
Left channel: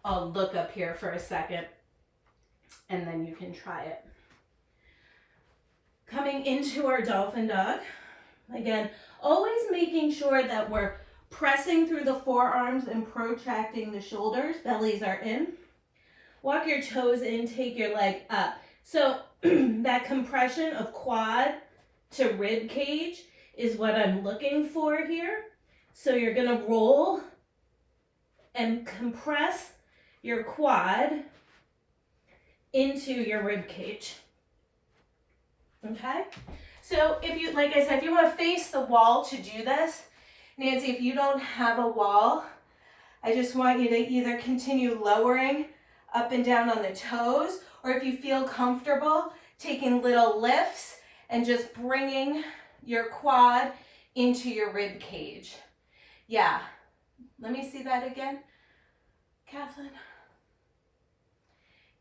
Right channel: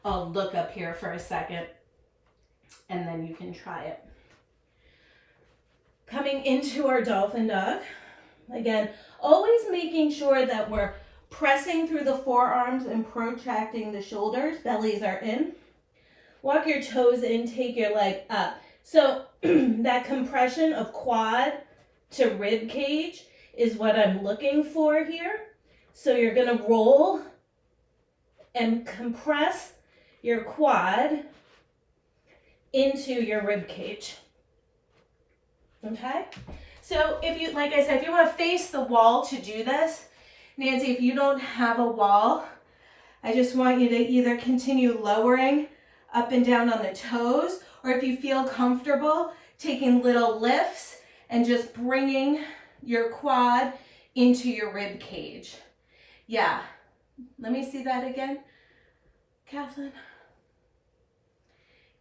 a look up here for a second, and then you can try it. Coming into our dolphin dog, again, always making sure that we're pressing through the forearms and protracting the shoulders, bellies are in. Walk your toes in, take your leg up. So that compression of quad to rib cage is what I'm looking for here. So you're gonna roll and compress your quad into your rib cage. Okay? So if you, like I said, if you want to face the wall to do this, Nancy, if you don't have a wall, I just want you to either continue lowering up and down on the toes, or if you feel comfortable, taking little lifts and just bringing your quad into your rib cage. Yeah. Let me see that again, Kathleen.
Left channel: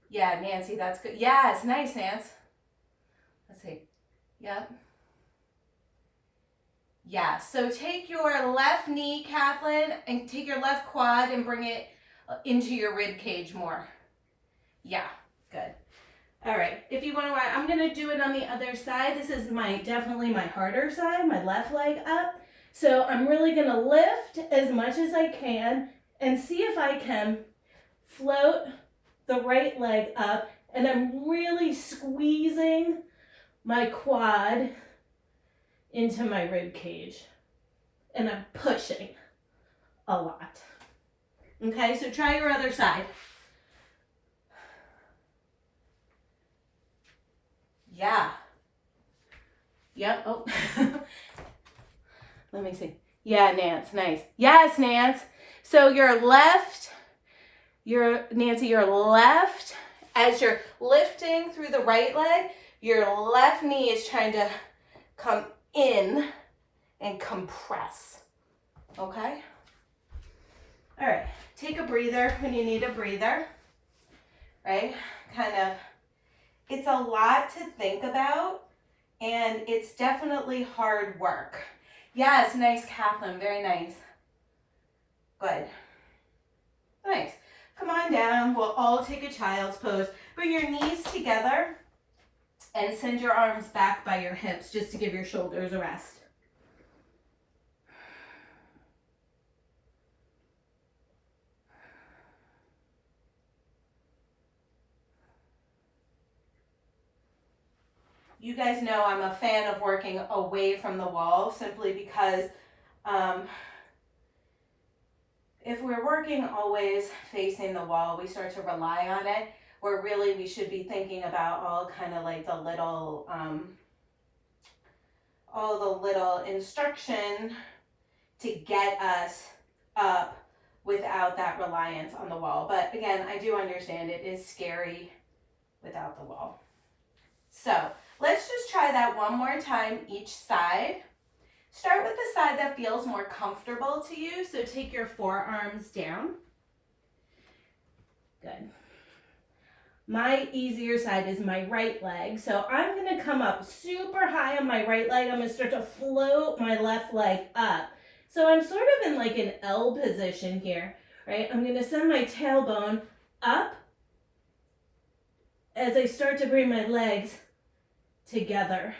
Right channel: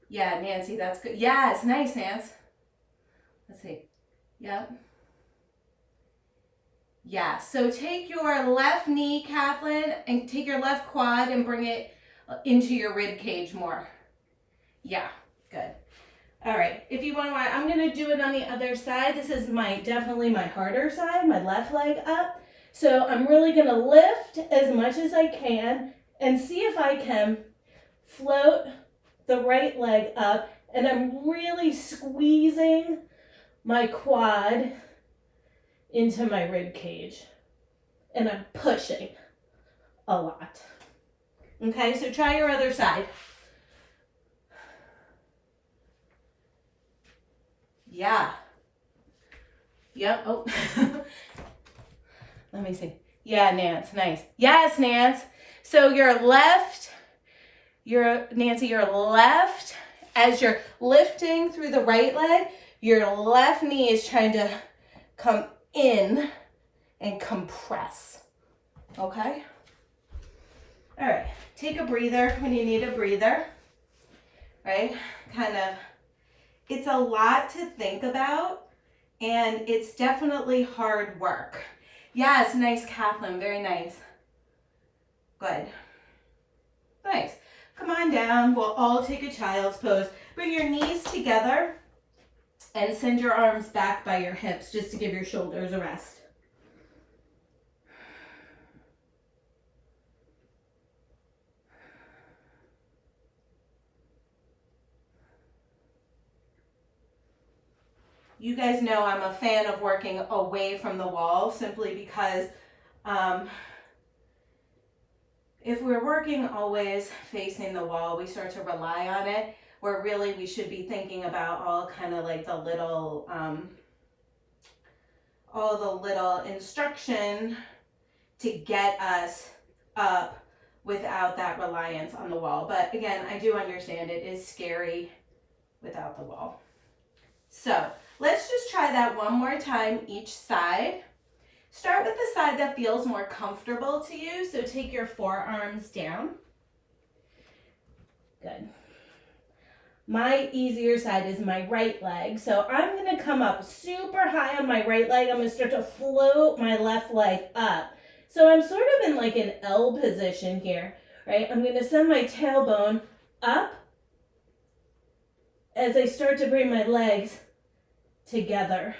Yeah, Nancy, that's good. Yeah, it's nice, Nance. Let's see. Yep. Yeah, so take your left knee, Kathleen, and take your left quad and bring it into your rib cage more. Yeah, good. All right, if you want to, I'm going to do it on the other side. This is definitely my harder side, my left leg up. So I'm really going to lift as much as I can and see if I can float the right leg up, and I'm really squeezing my quad into my rib cage, and I'm pushing a lot. Okay, so try your other side. Yeah. Yep. Oh. Let me see. Yeah, Nance, nice. Yes, Nance. So your left, Nancy, your left, as you're lifting through the right leg, your left knee is trying to come in and compress. Okay? All right. Take a breather when you need a breather. Right? Kind of, it's a lot to think about, and it's definitely hard work. Yes, nice, Kathleen. Very nice. Good. Nice. Come on down. We'll all take a child's pose. Bring your knees together and send your arms back by your hips just to give your shoulders a rest. You guys know I'm a fan of working away from the wall simply because if we're working always facing the wall, we start to rely on it, where really we should be thinking about all kind of like the little, all the little instruction to get us up without that reliance on the wall. But again, I do understand it is scary without the wall. So let's just try that one more time each side. Start with the side that feels more comfortable to you. So take your forearms down. Good. My easier side is my right leg. So I'm going to come up super high on my right leg. I'm going to start to float my left leg up. So I'm sort of in like an L position here, right? I'm going to send my tailbone up as I start to bring my legs together.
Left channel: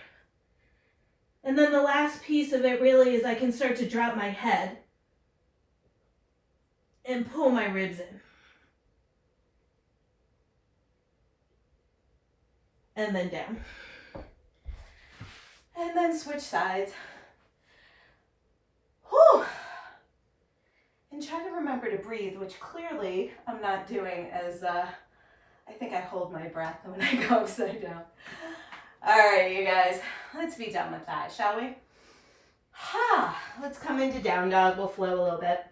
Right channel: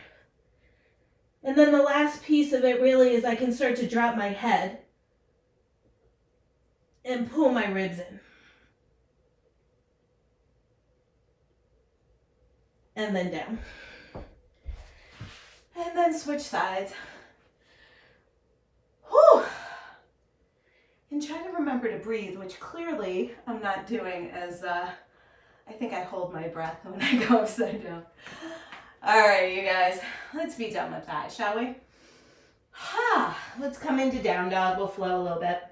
And then the last piece of it really is I can start to drop my head and pull my ribs in. And then down. And then switch sides. Whew. And And try to remember to breathe, which clearly I'm not doing as, I think I hold my breath when I go upside down. All right, you guys, let's be done with that, shall we? Let's come into down dog. We'll flow a little bit.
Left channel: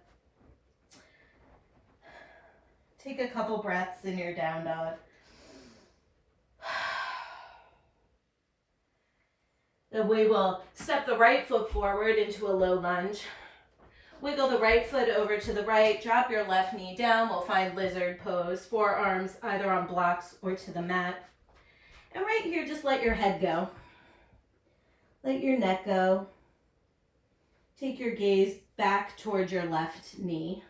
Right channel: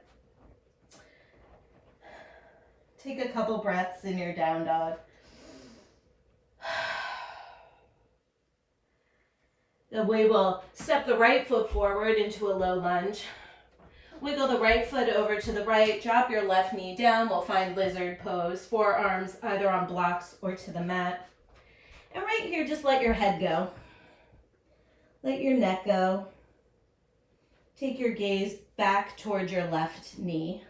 Take a couple breaths in your down dog. Then we will step the right foot forward into a low lunge. Wiggle the right foot over to the right. Drop your left knee down. We'll find lizard pose. Forearms either on blocks or to the mat. And right here, just let your head go. Let your neck go. Take your gaze back towards your left knee.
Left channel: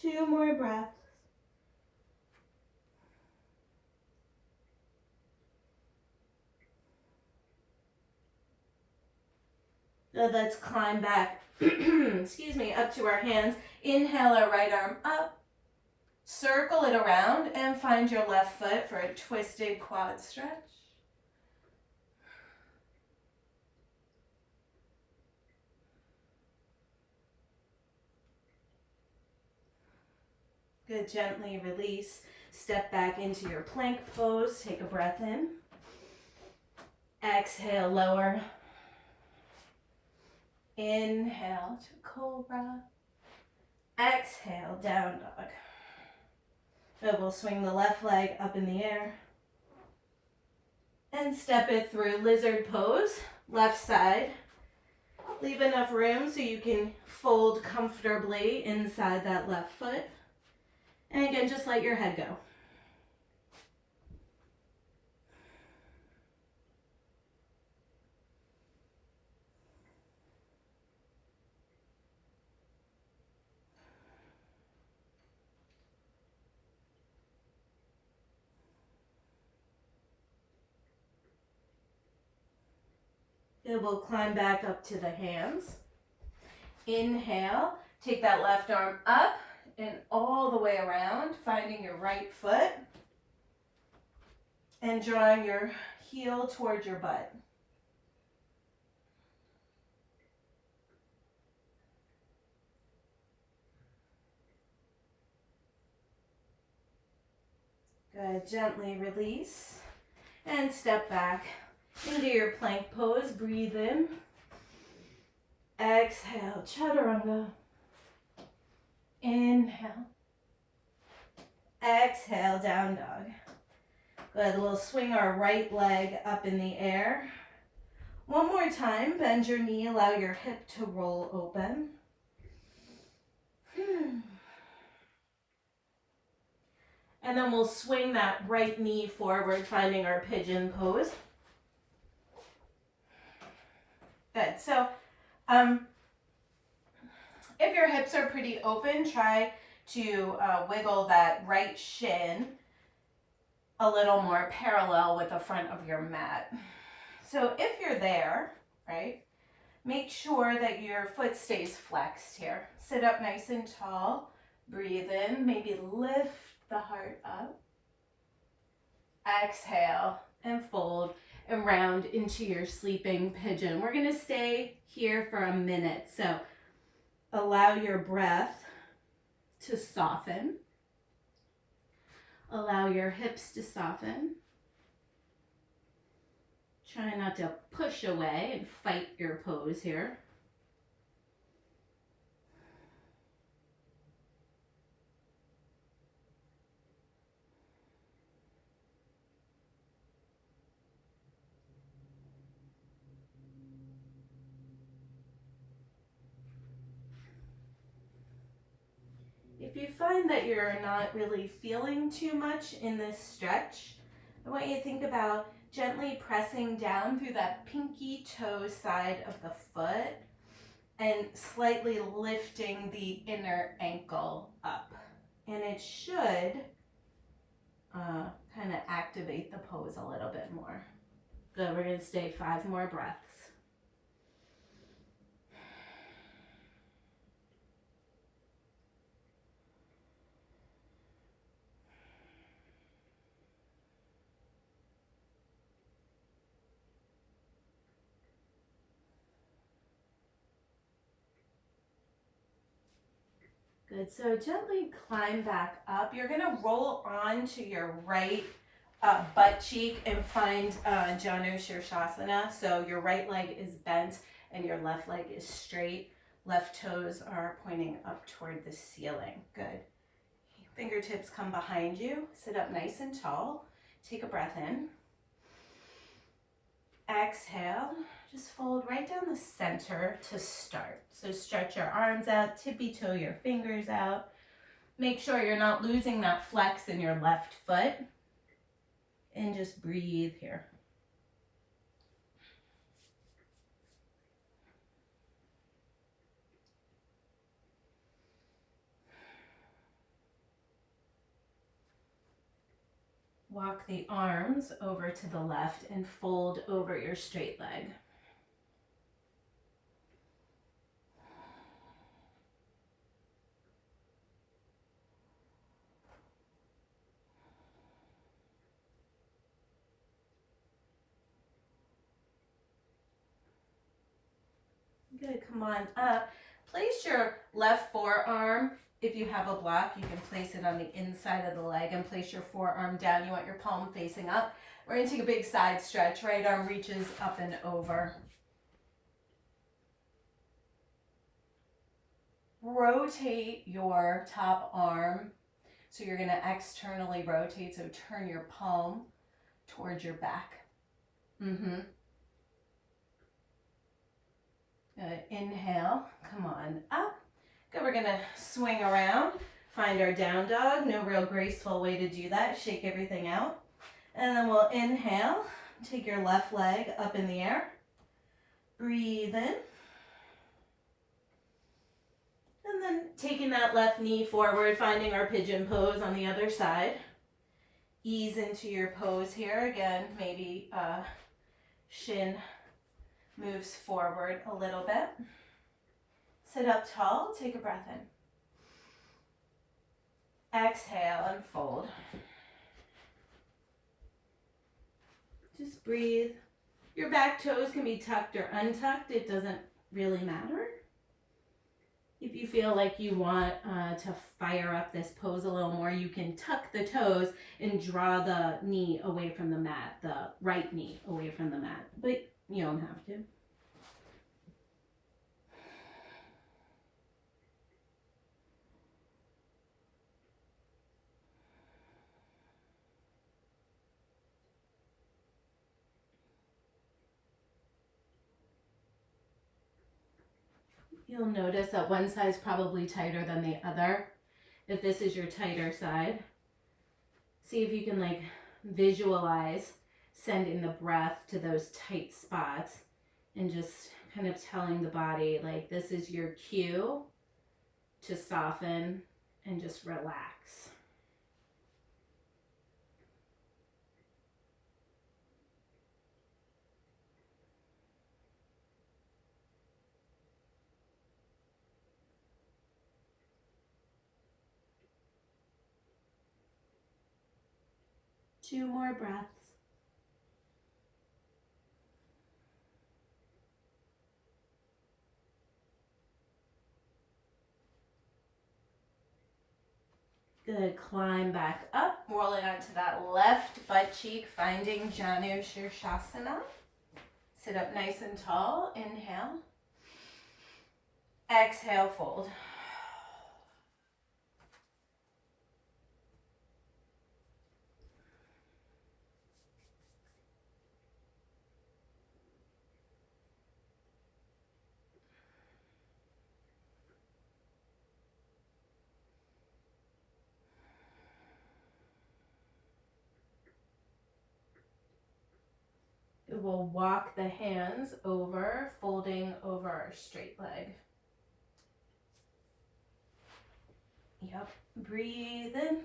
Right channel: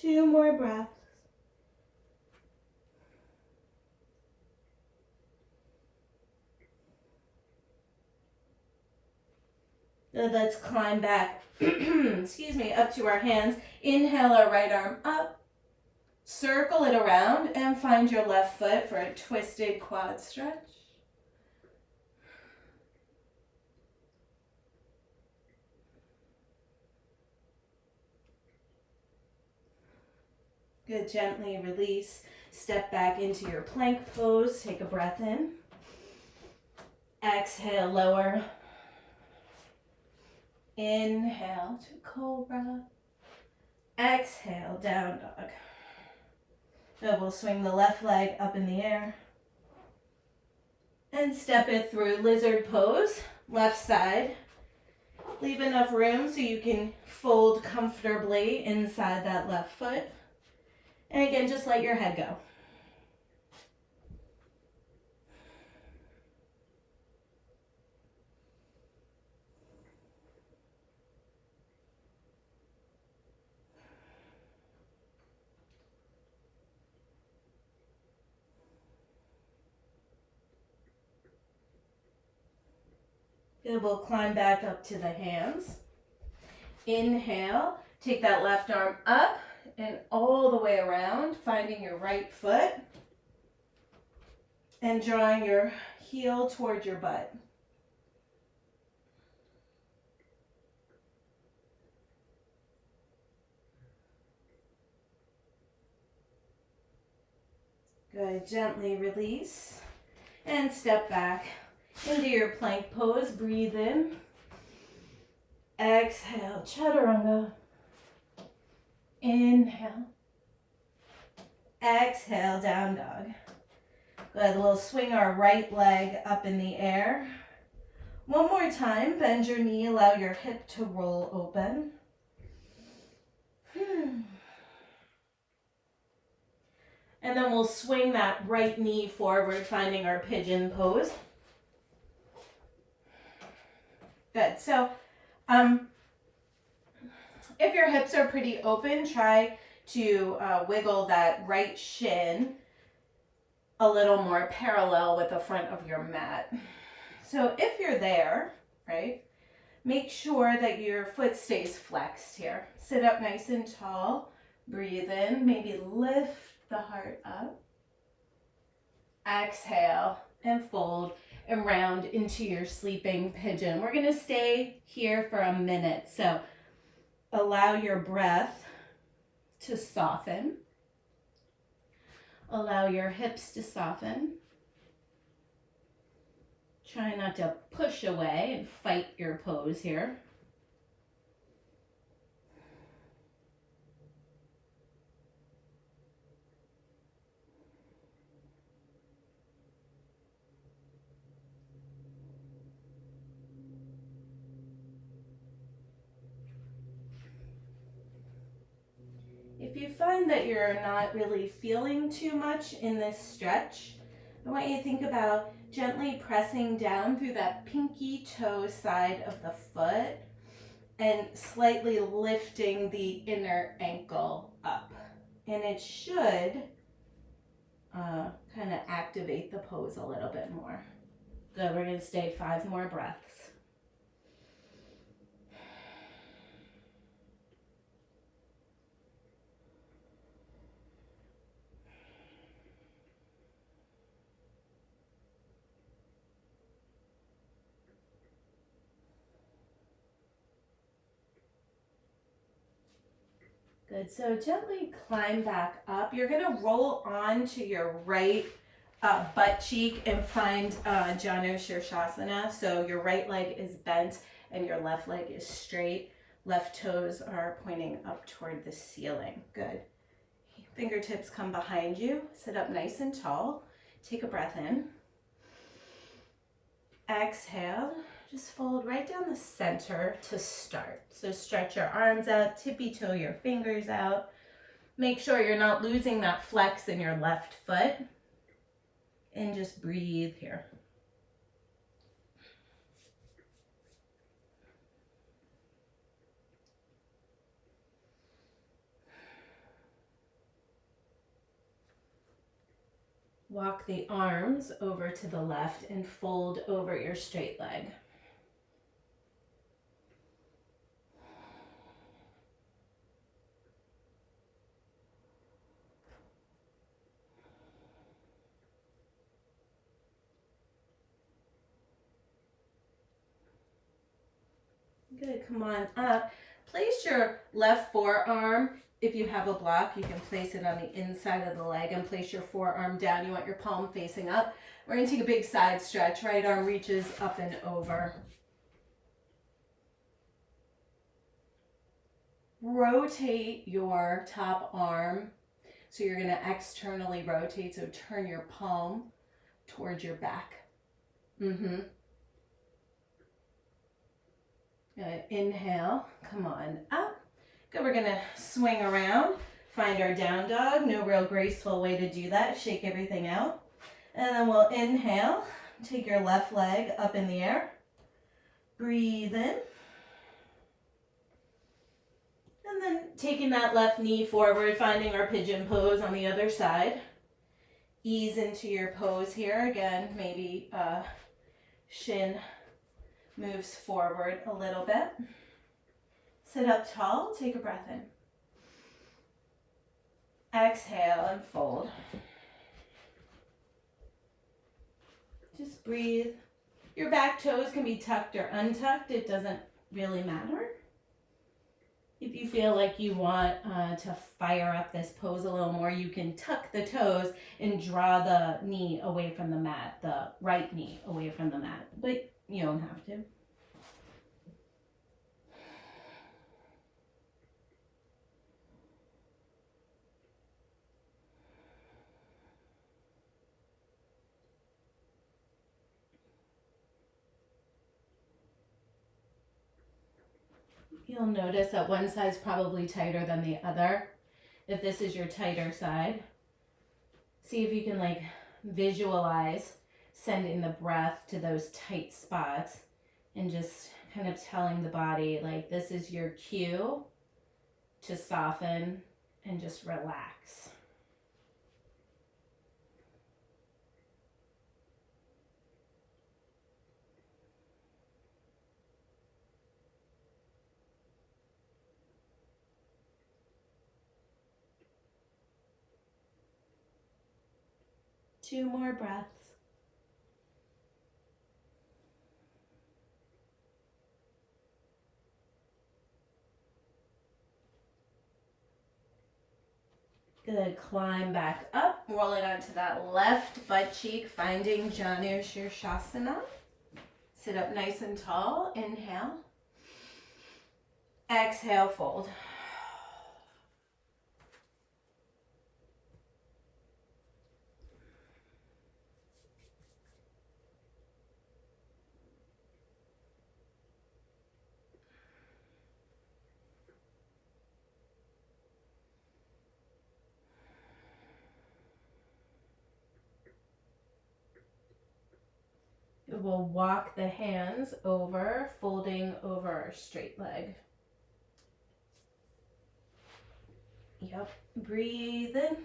Two more breaths. Good, let's climb back, excuse me, up to our hands. Inhale our right arm up. Circle it around and find your left foot for a twisted quad stretch. Good, gently release. Step back into your plank pose. Take a breath in. Exhale, lower. Inhale to cobra. Exhale, down dog. Good, we'll swing the left leg up in the air. And step it through lizard pose, left side. Leave enough room so you can fold comfortably inside that left foot. And again, just let your head go. Good, we'll climb back up to the hands. Inhale, take that left arm up and all the way around, finding your right foot and drawing your heel towards your butt. Good, gently release and step back into your plank pose. Breathe in. Exhale, chaturanga. Inhale. Exhale, down dog. Good, we'll swing our right leg up in the air. One more time, bend your knee, allow your hip to roll open. And then we'll swing that right knee forward, finding our pigeon pose. Good, so if your hips are pretty open, try to wiggle that right shin a little more parallel with the front of your mat. So if you're there, right, make sure that your foot stays flexed here. Sit up nice and tall, breathe in, maybe lift the heart up. Exhale and fold and round into your sleeping pigeon. We're gonna stay here for a minute, so allow your breath to soften. Allow your hips to soften. Try not to push away and fight your pose here. If you find that you're not really feeling too much in this stretch, I want you to think about gently pressing down through that pinky toe side of the foot and slightly lifting the inner ankle up. And it should kind of activate the pose a little bit more. Good, we're gonna stay 5 more breaths. Good. So gently climb back up. You're going to roll onto your right butt cheek and find Janu Shirshasana. So your right leg is bent and your left leg is straight. Left toes are pointing up toward the ceiling. Good. Fingertips come behind you. Sit up nice and tall. Take a breath in. Exhale. Just fold right down the center to start. So stretch your arms out, tippy toe your fingers out. Make sure you're not losing that flex in your left foot. And just breathe here. Walk the arms over to the left and fold over your straight leg. Good, come on up. Place your left forearm. If you have a block, you can place it on the inside of the leg and place your forearm down. You want your palm facing up. We're gonna take a big side stretch. Right arm reaches up and over. Rotate your top arm. So you're gonna externally rotate, so turn your palm towards your back. Good. Inhale, come on up. Good, we're gonna swing around, find our down dog. No real graceful way to do that. Shake everything out. And then we'll inhale, take your left leg up in the air. Breathe in. And then taking that left knee forward, finding our pigeon pose on the other side. Ease into your pose here. Again, maybe shin moves forward a little bit. Sit up tall, take a breath in. Exhale and fold. Just breathe. Your back toes can be tucked or untucked. It doesn't really matter. If you feel like you want to fire up this pose a little more, you can tuck the toes and draw the knee away from the mat, the right knee away from the mat, but you don't have to. You'll notice that one side's probably tighter than the other. If this is your tighter side, see if you can like visualize sending the breath to those tight spots and just kind of telling the body like this is your cue to soften and just relax. Two more breaths. Good, climb back up, rolling onto that left butt cheek, finding Janu Shirshasana. Sit up nice and tall, inhale. Exhale, fold. We'll walk the hands over, folding over our straight leg. Yep, breathe in.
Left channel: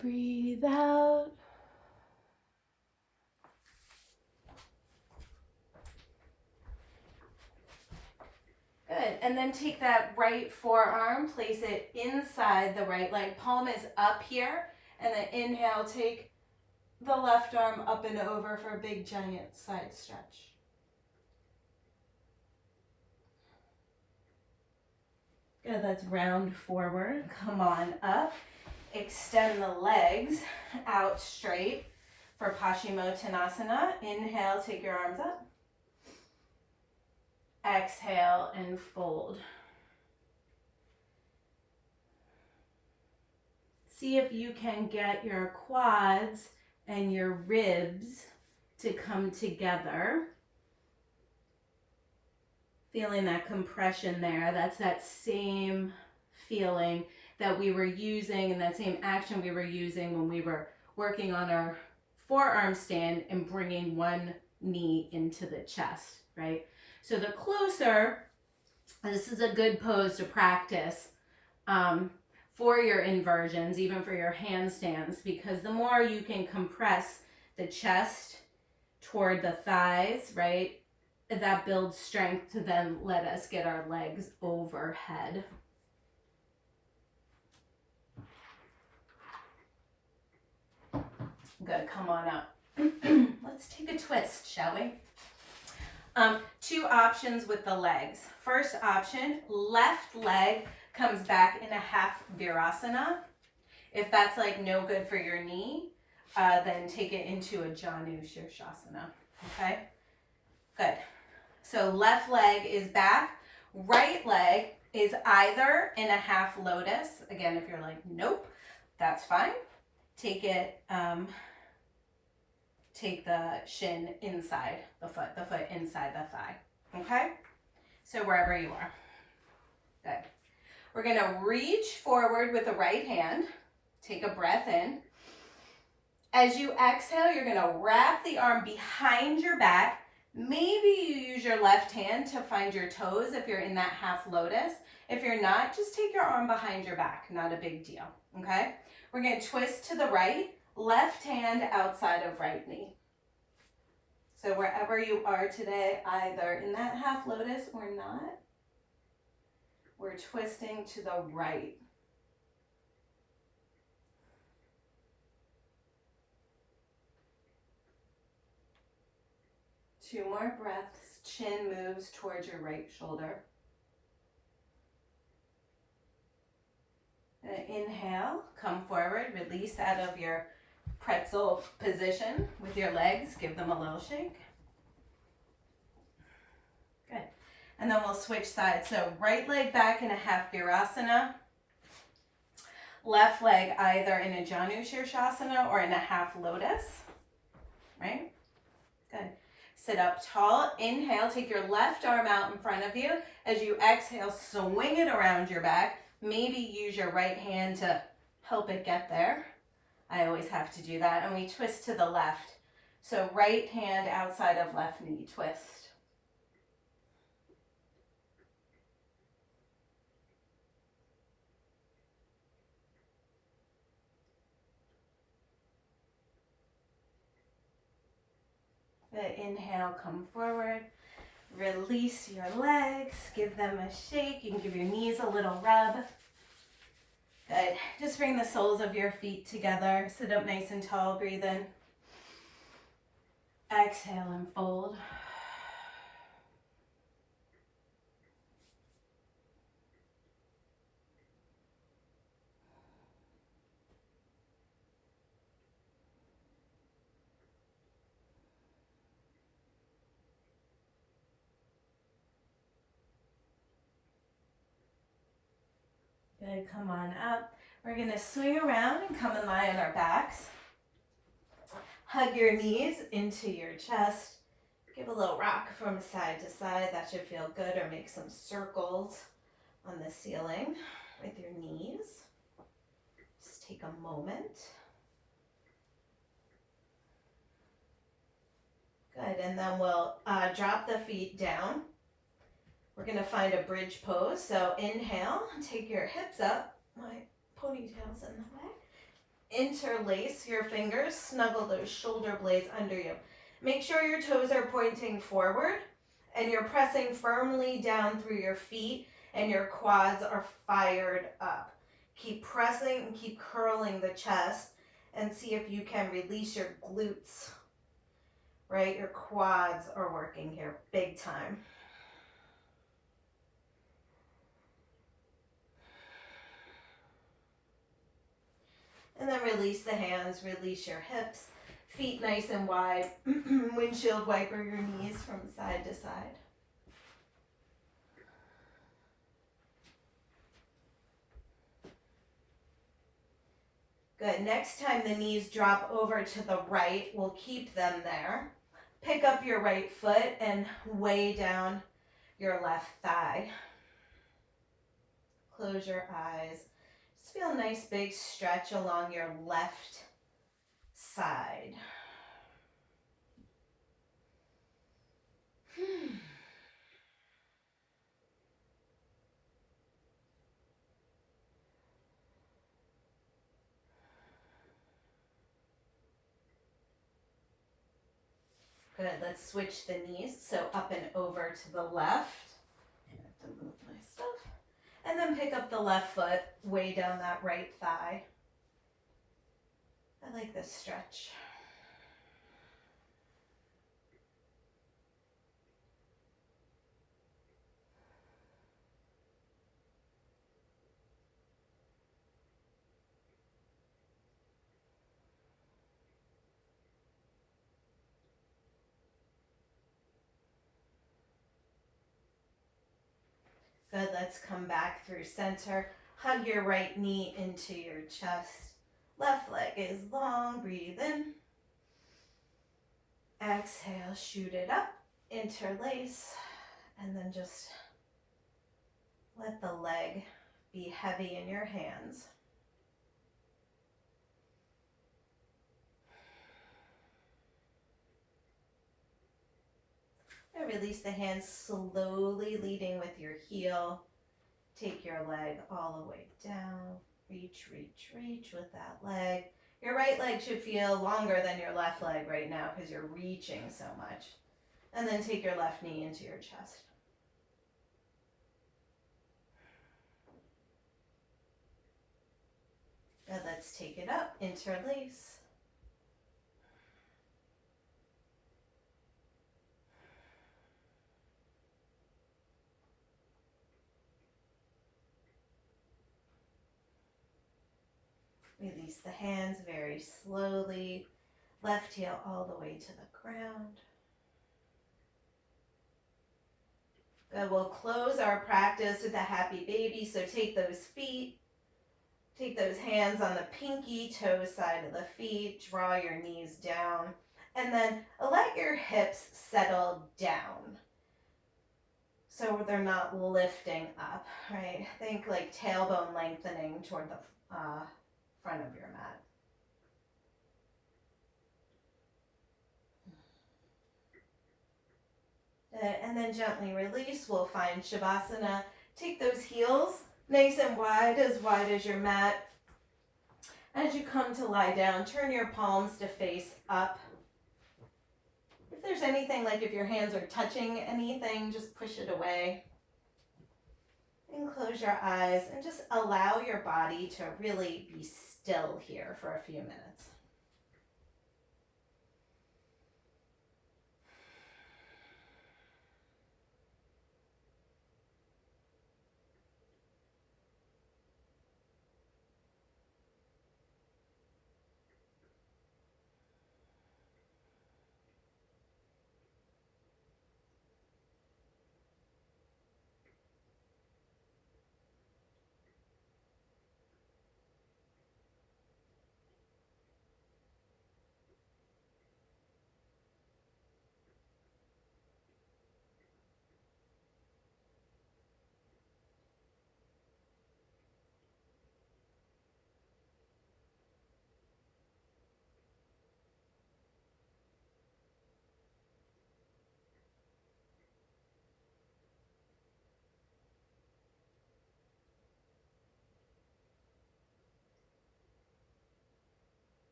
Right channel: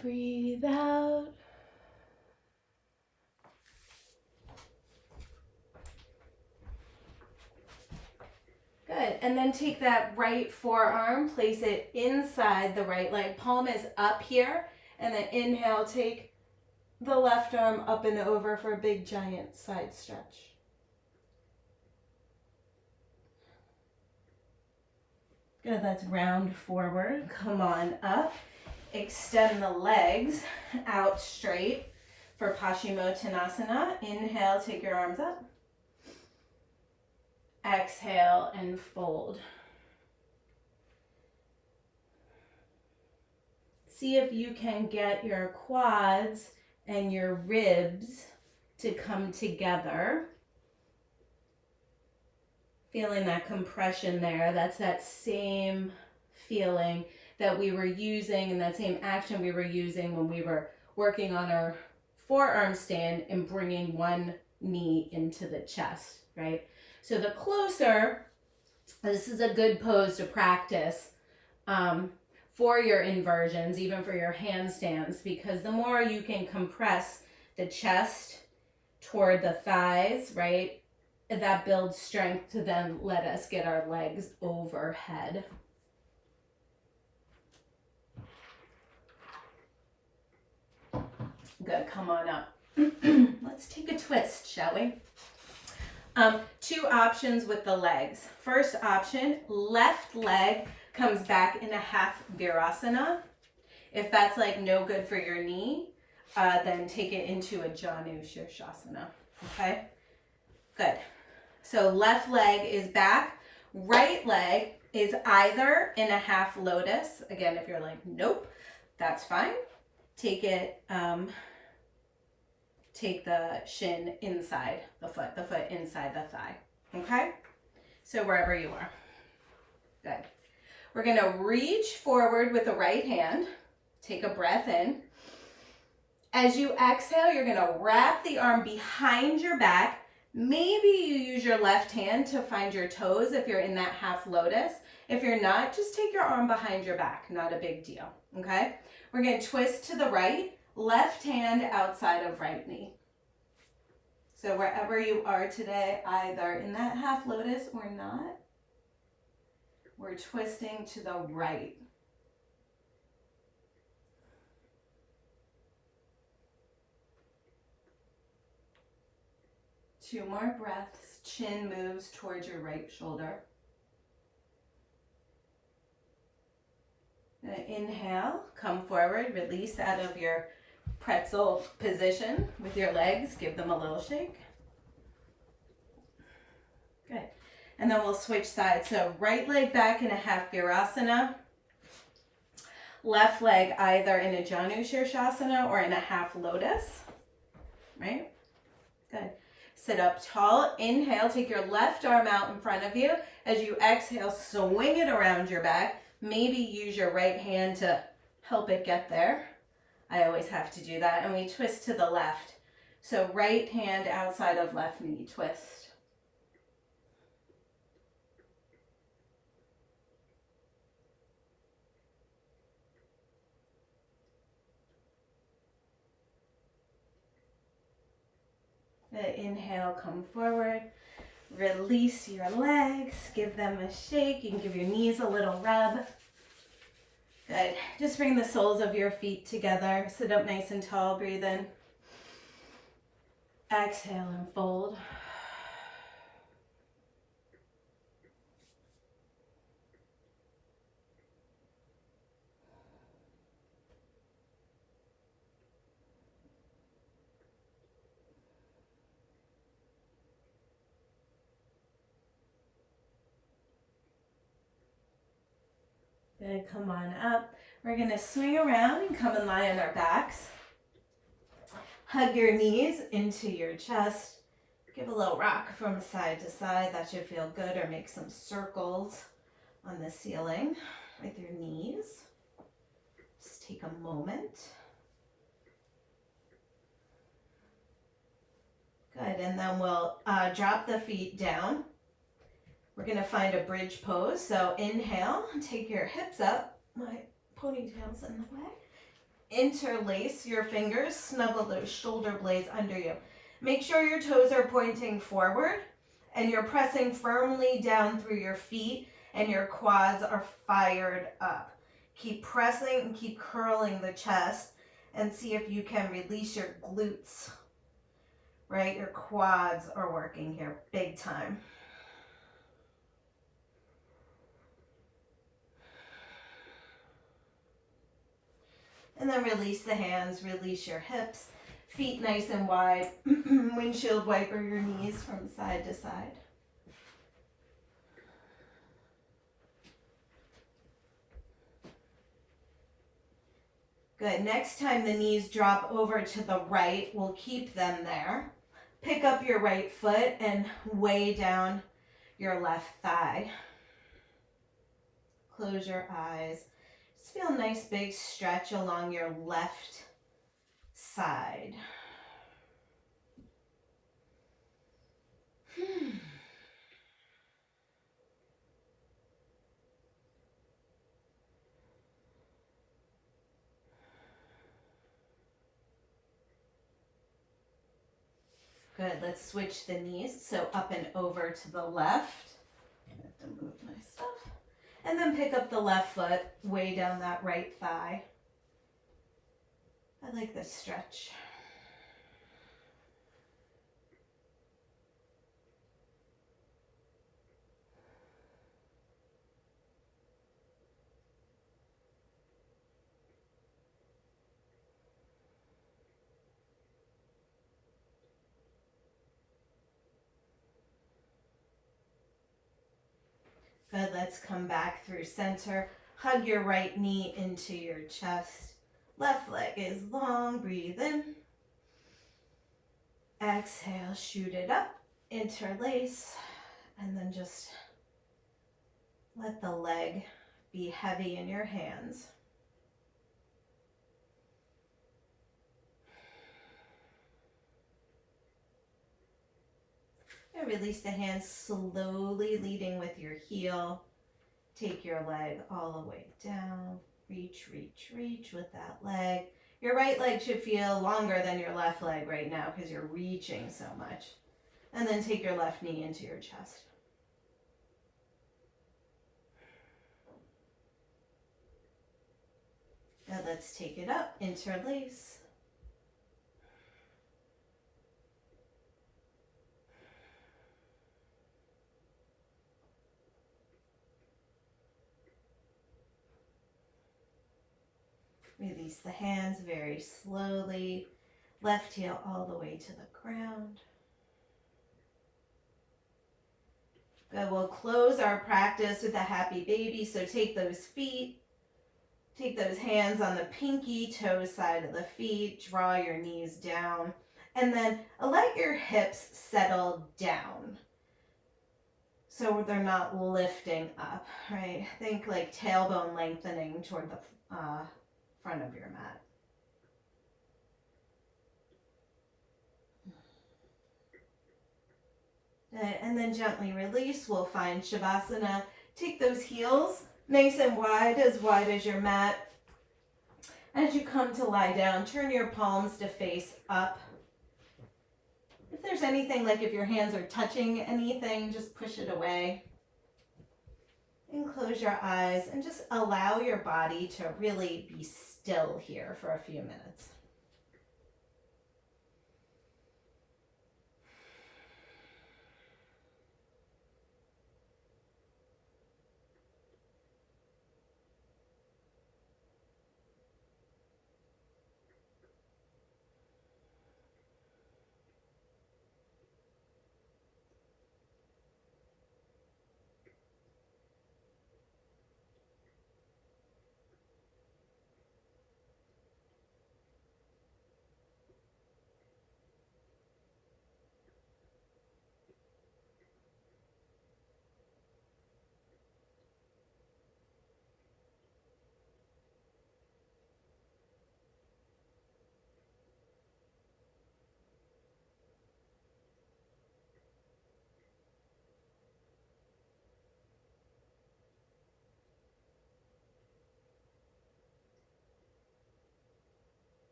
Breathe out. Good, and then take that right forearm, place it inside the right leg. Palm is up here, and then inhale, take the left arm up and over for a big giant side stretch. Good, let's round forward. Come on up. Extend the legs out straight for Paschimottanasana. Inhale, take your arms up. Exhale and fold. See if you can get your quads and your ribs to come together. Feeling that compression there. That's that same feeling that we were using and that same action we were using when we were working on our forearm stand and bringing one knee into the chest, right? So the closer, this is a good pose to practice for your inversions, even for your handstands, because the more you can compress the chest toward the thighs, right? That builds strength to then let us get our legs overhead. Good, come on up. Let's take a twist, shall we? Two options with the legs. First option, left leg comes back in a half virasana. If that's like no good for your knee, then take it into a Janu Shirshasana, okay? Good. So left leg is back. Right leg is either in a half lotus. Again, if you're like, nope, that's fine. Take it, take the shin inside the foot inside the thigh. Okay? So wherever you are. Good. We're gonna reach forward with the right hand. Take a breath in. As you exhale, you're gonna wrap the arm behind your back. Maybe you use your left hand to find your toes if you're in that half lotus. If you're not, just take your arm behind your back. Not a big deal, okay? We're gonna twist to the right, left hand outside of right knee. So wherever you are today, either in that half lotus or not, we're twisting to the right. Two more breaths. Chin moves towards your right shoulder. Inhale, come forward, release out of your pretzel position with your legs. Give them a little shake. Good. And then we'll switch sides. So right leg back in a half virasana. Left leg either in a Janu Shirshasana or in a half lotus. Right? Good. Sit up tall. Inhale, take your left arm out in front of you. As you exhale, swing it around your back. Maybe use your right hand to help it get there. I always have to do that. And we twist to the left. So right hand outside of left knee, twist. Inhale, come forward. Release your legs. Give them a shake. You can give your knees a little rub. Good. Just bring the soles of your feet together. Sit up nice and tall. Breathe in. Exhale and fold. Good, come on up. We're gonna swing around and come and lie on our backs. Hug your knees into your chest. Give a little rock from side to side. That should feel good, or make some circles on the ceiling with your knees. Just take a moment. Good, and then we'll drop the feet down. We're gonna find a bridge pose. So inhale, take your hips up. My ponytail's in the way. Interlace your fingers, snuggle those shoulder blades under you. Make sure your toes are pointing forward and you're pressing firmly down through your feet and your quads are fired up. Keep pressing and keep curling the chest and see if you can release your glutes, right? Your quads are working here big time. And then release the hands, release your hips, feet nice and wide, windshield wiper your knees from side to side. Good. Next time the knees drop over to the right, we'll keep them there. Pick up your right foot and weigh down your left thigh. Close your eyes. Just feel a nice big stretch along your left side. Good, let's switch the knees. So up and over to the left. I have to move my stuff. And then pick up the left foot, weigh down that right thigh. I like this stretch. Good, let's come back through center. Hug your right knee into your chest. Left leg is long, breathe in. Exhale, shoot it up, interlace, and then just let the leg be heavy in your hands. And release the hands slowly, leading with your heel. Take your leg all the way down. Reach, reach, reach with that leg. Your right leg should feel longer than your left leg right now because you're reaching so much. And then take your left knee into your chest. Good, let's take it up, interlace. Release the hands very slowly. Left heel all the way to the ground. Good, we'll close our practice with a happy baby. So take those feet, take those hands on the pinky toe side of the feet, draw your knees down, and then let your hips settle down. So they're not lifting up, right? Think like tailbone lengthening toward the front of your mat. And then gently release. We'll find Shavasana. Take those heels nice and wide as your mat. As you come to lie down, turn your palms to face up. If there's anything, like if your hands are touching anything, just push it away. And close your eyes and just allow your body to really be still here for a few minutes.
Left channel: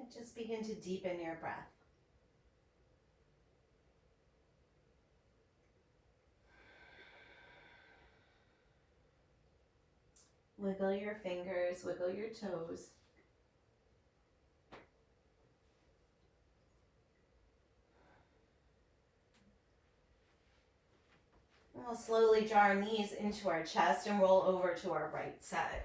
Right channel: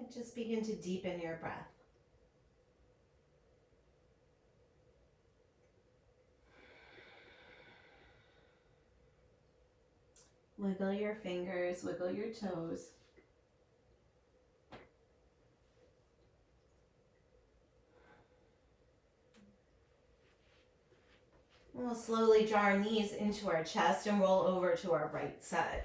And just begin to deepen your breath. Wiggle your fingers, wiggle your toes. We'll slowly draw our knees into our chest and roll over to our right side.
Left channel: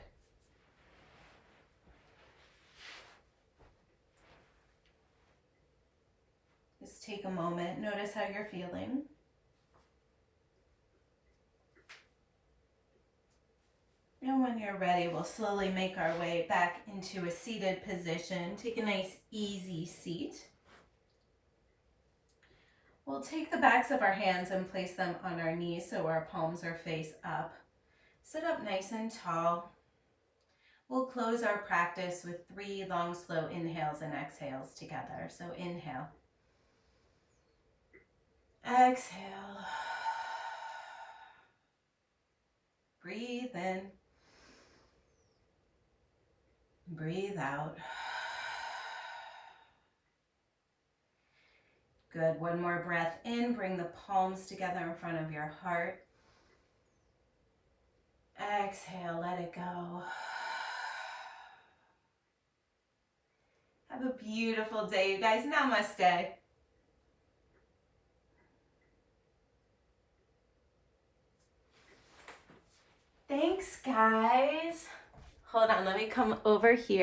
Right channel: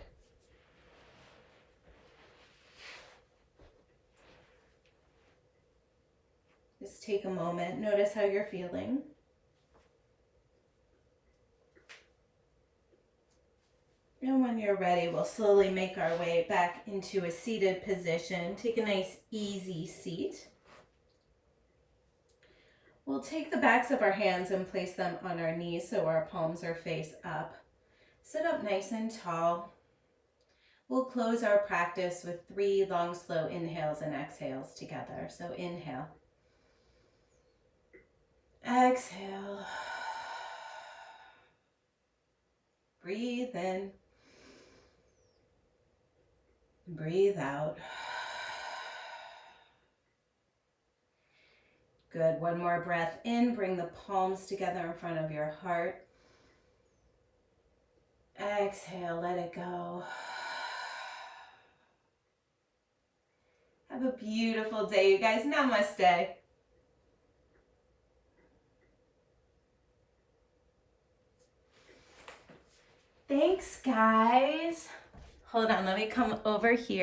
Just take a moment, notice how you're feeling. And when you're ready, we'll slowly make our way back into a seated position. Take a nice, easy seat. We'll take the backs of our hands and place them on our knees so our palms are face up. Sit up nice and tall. We'll close our practice with 3 long, slow inhales and exhales together. So inhale. Exhale. Breathe in. Breathe out. Good. One more breath in. Bring the palms together in front of your heart. Exhale. Let it go. Have a beautiful day, you guys. Namaste. Thanks, guys. Hold on. Let me come over here.